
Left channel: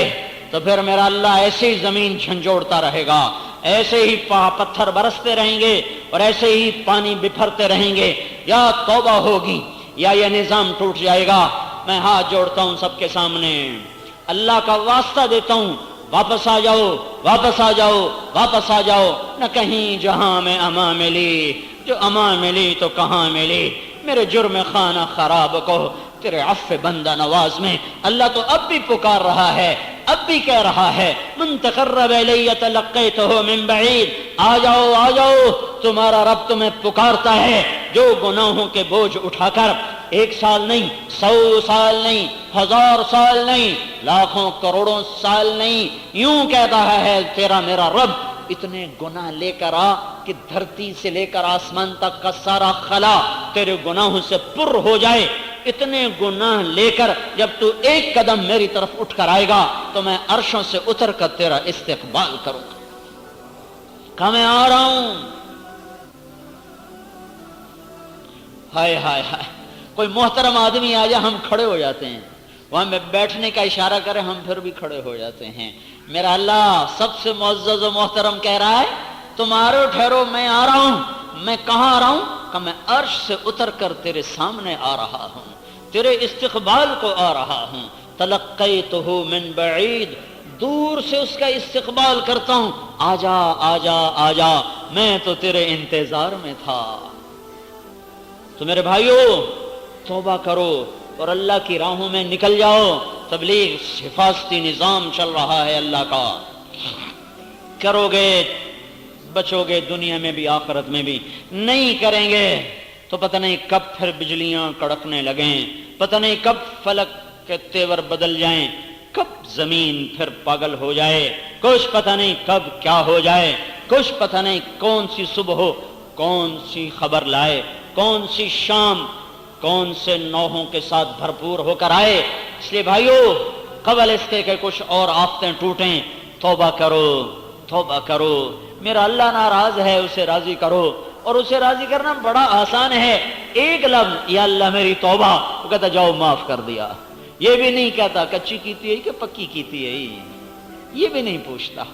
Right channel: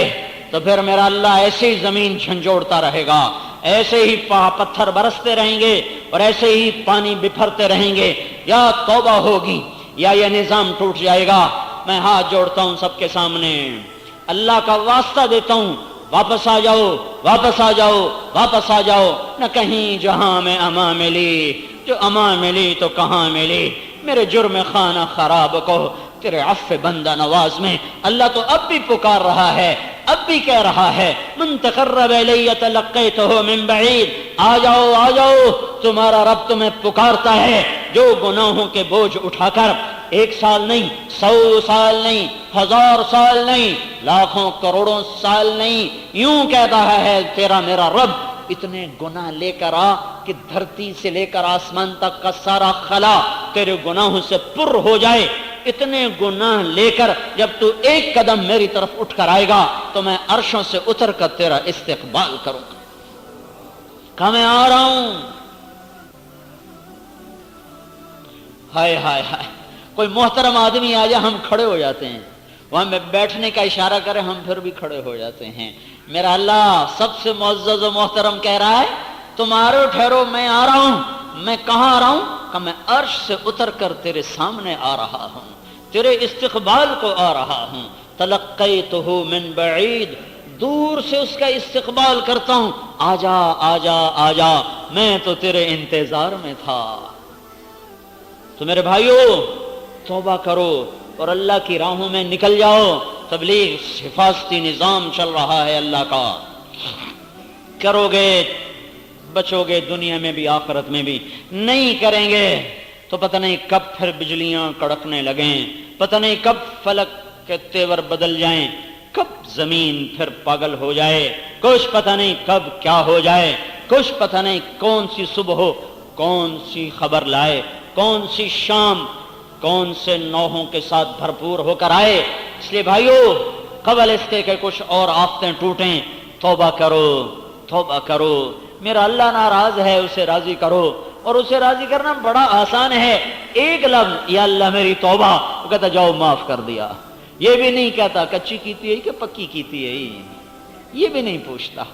تو پھر میرا اللہ ایسے ہی زمین جھنجھوڑتا رہے گا، ایسے ہی پتھر برستے رہیں گے اور ایسے ہی پانی بپھرتے رہیں گے، یا توبہ ہوگی یا یہ نظام ٹوٹ جائے گا۔ میں ہاتھ جوڑتا ہوں سب کے سامنے، اللہ کا واسطہ دیتا ہوں، واپس آ جاؤ، واپس آ جاؤ، واپس آ جاؤ، نہ کہیں جہاں میں امان ملی، جو امان ملی تو کہاں ملی، میرے جرم خانہ خراب کو تیرے عفو بندہ نواز میں۔ اللہ تو اب بھی پکار رہا ہے، اب بھی کہہ رہا ہے، من تقرب الی تلقیتہ من بعید، آ جاؤ آ جاؤ، تمہارا رب تمہیں پکارتا ہے، جو گناہوں کے بوجھ اٹھا کر 1 سال نہیں، 100 سال نہیں، 1000 سال نہیں، لاکھوں کروڑوں سال نہیں، یوں کہہ رہا ہے تیرا میرا رب، اتنے گناہ لے کر آ کہ دھرتی سے لے کر آسمان تک کا سارا خلا تیرے گناہوں سے پر ہو جائے، اتنے گناہ لے کر جب تو 1 قدم میری طرف اٹھ کر آئے گا تو میں عرشوں سے اتر کر تیرا استقبال کروں گا، کہ میں آ رہا ہوں۔ ہائے ہائے ہائے، کوئی محترم آدمی آ جائے ہم کھڑے ہو جاتے ہیں، وہاں میں بیٹھنے کا اشارہ کرے ہم پھر بھی کھڑے ہو جاتے ہیں۔ میرا اللہ سب سے معزز و محترم کہہ رہا ہے، تمہارے ٹھہرو میں آ رہا ہوں۔ میں کہاں آ رہا ہوں؟ کہ میں عرش سے اتر کر تیرے سامنے آ رہا ہوں، تیرے استقبال کو آ رہا ہوں۔ تلقیتہ من بعید، دور سے اس کا استقبال کرتا ہوں، آجا آجا آجا، میں تو تیرے انتظار میں تھا۔ تو میرے بھائیو توبہ کرو اور اللہ کی راہوں میں نکل جاؤ۔ تبلیغ حفاظتی نظام چل رہا ہے اللہ کا، کرو گے بچو گے دنیا میں بھی آخرت میں بھی، نہیں کریں گے تو پتہ نہیں کب پھر بجلیاں کڑکنے لگیں، پتہ نہیں کب فلک کے تیور بدل جائیں، کب زمین پھر پاگل ہو جائے، کچھ پتہ نہیں کب کیا ہو جائے، کچھ پتہ نہیں کون سی صبح ہو، کون سی خبر لائے، کون سی شام کون سے نوحوں کے ساتھ بھرپور ہو کر آئے۔ اس لیے بھائیو قبل اس کے کہ کچھ اور آفتیں ٹوٹیں، توبہ کرو توبہ کرو۔ میرا اللہ ناراض ہے، اسے راضی کرو، اور اسے راضی کرنا بڑا آسان ہے، 1 لفظ یا اللہ میری توبہ، وہ کہتا جاؤ معاف کر دیا۔ یہ بھی نہیں کہتا کچی کیتی ہے کہ پکی کیتی ہے، یہ بھی نہیں پوچھتا،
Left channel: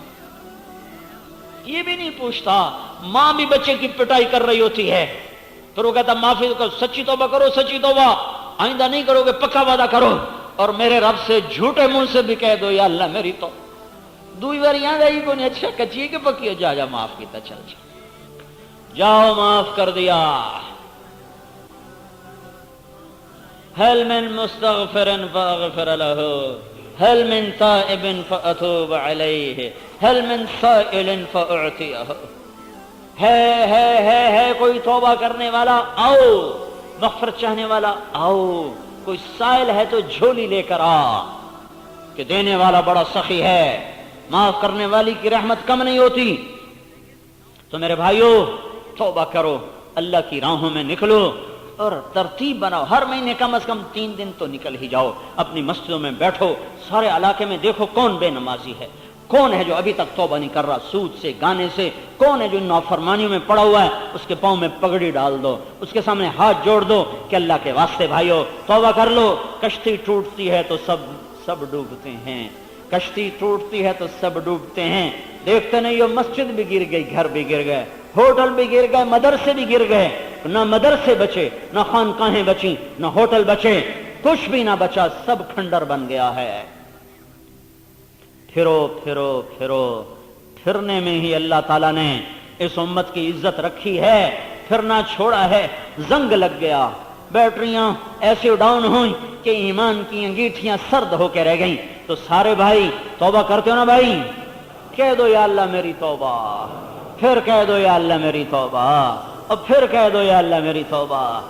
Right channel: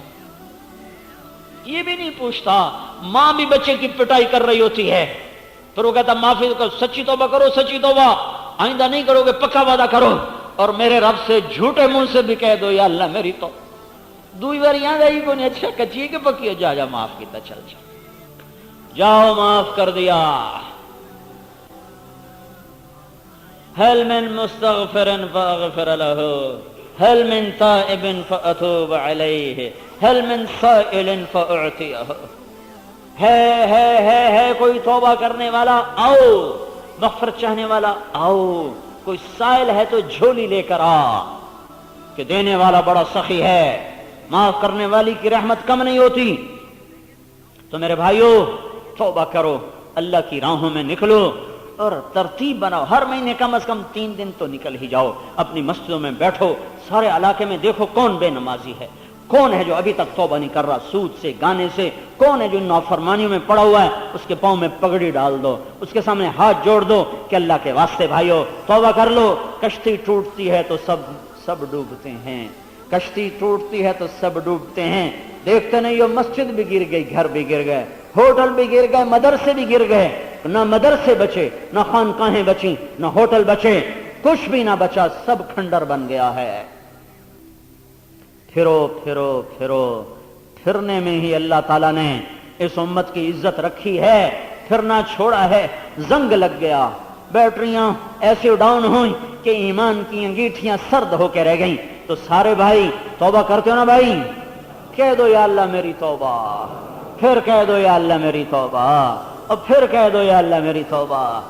یہ بھی نہیں پوچھتا۔ ماں بھی بچے کی پٹائی کر رہی ہوتی ہے، پھر وہ کہتا معافی کرو، سچی توبہ کرو، سچی توبہ، آئندہ نہیں کرو گے، پکا وعدہ کرو، اور میرے رب سے جھوٹے منہ سے بھی کہہ دو یا اللہ میری تو دوئی بار یہاں گئی کو نہیں، اچھا کچی ہے کہ پکی ہے، جا جا معاف کیتا، چل چل جاؤ معاف کر دیا۔ هل من مستغفر فاغفر له، هل من تائب فاتوب عليه، هل من سائل فاعطيه، ہے کوئی توبہ کرنے والا، آؤ، مغفرت چاہنے والا آؤ، کوئی سائل ہے تو جھولی لے کر آ، کہ دینے والا بڑا سخی ہے، معاف کرنے والی کی رحمت کم نہیں ہوتی۔ تو میرے بھائیو توبہ کرو، اللہ کی راہوں میں نکلو، اور ترتیب بناؤ، ہر مہینے کم از کم 3 دن تو نکل ہی جاؤ، اپنی مسجدوں میں بیٹھو، سارے علاقے میں دیکھو کون بے نمازی ہے، کون ہے جو ابھی تک توبہ نہیں کر رہا، سود سے، گانے سے، کون ہے جو نافرمانیوں میں پڑا ہوا ہے، اس کے پاؤں میں پگڑی ڈال دو، اس کے سامنے ہاتھ جوڑ دو کہ اللہ کے واسطے بھائیو توبہ کر لو۔ کشتی ٹوٹتی ہے تو سب ڈوبتے ہیں، کشتی ٹوٹتی ہے تو سب ڈوبتے ہیں، دیکھتے نہیں ہو مسجد بھی گر گئی، گھر بھی گر گئے، ہوٹل بھی گر گئے، مدرسے بھی گر گئے، نہ مدرسے بچے، نہ خانقاہیں بچیں، نہ ہوٹل بچے، کچھ بھی نہ بچا، سب کھنڈر بن گیا ہے۔ پھرو پھرو پھرو، پھرنے میں ہی اللہ تعالیٰ نے اس امت کی عزت رکھی ہے، پھرنا چھوڑا ہے، زنگ لگ گیا، بیٹریاں ایسے ڈاؤن ہوئیں کہ ایمان کی انگیٹھیاں سرد ہو کے رہ گئیں۔ تو سارے بھائی توبہ کرتے ہو نا بھائی، کہہ دو یا اللہ میری توبہ، پھر کہہ دو یا اللہ میری توبہ، اب پھر کہہ دو یا اللہ میری توبہ۔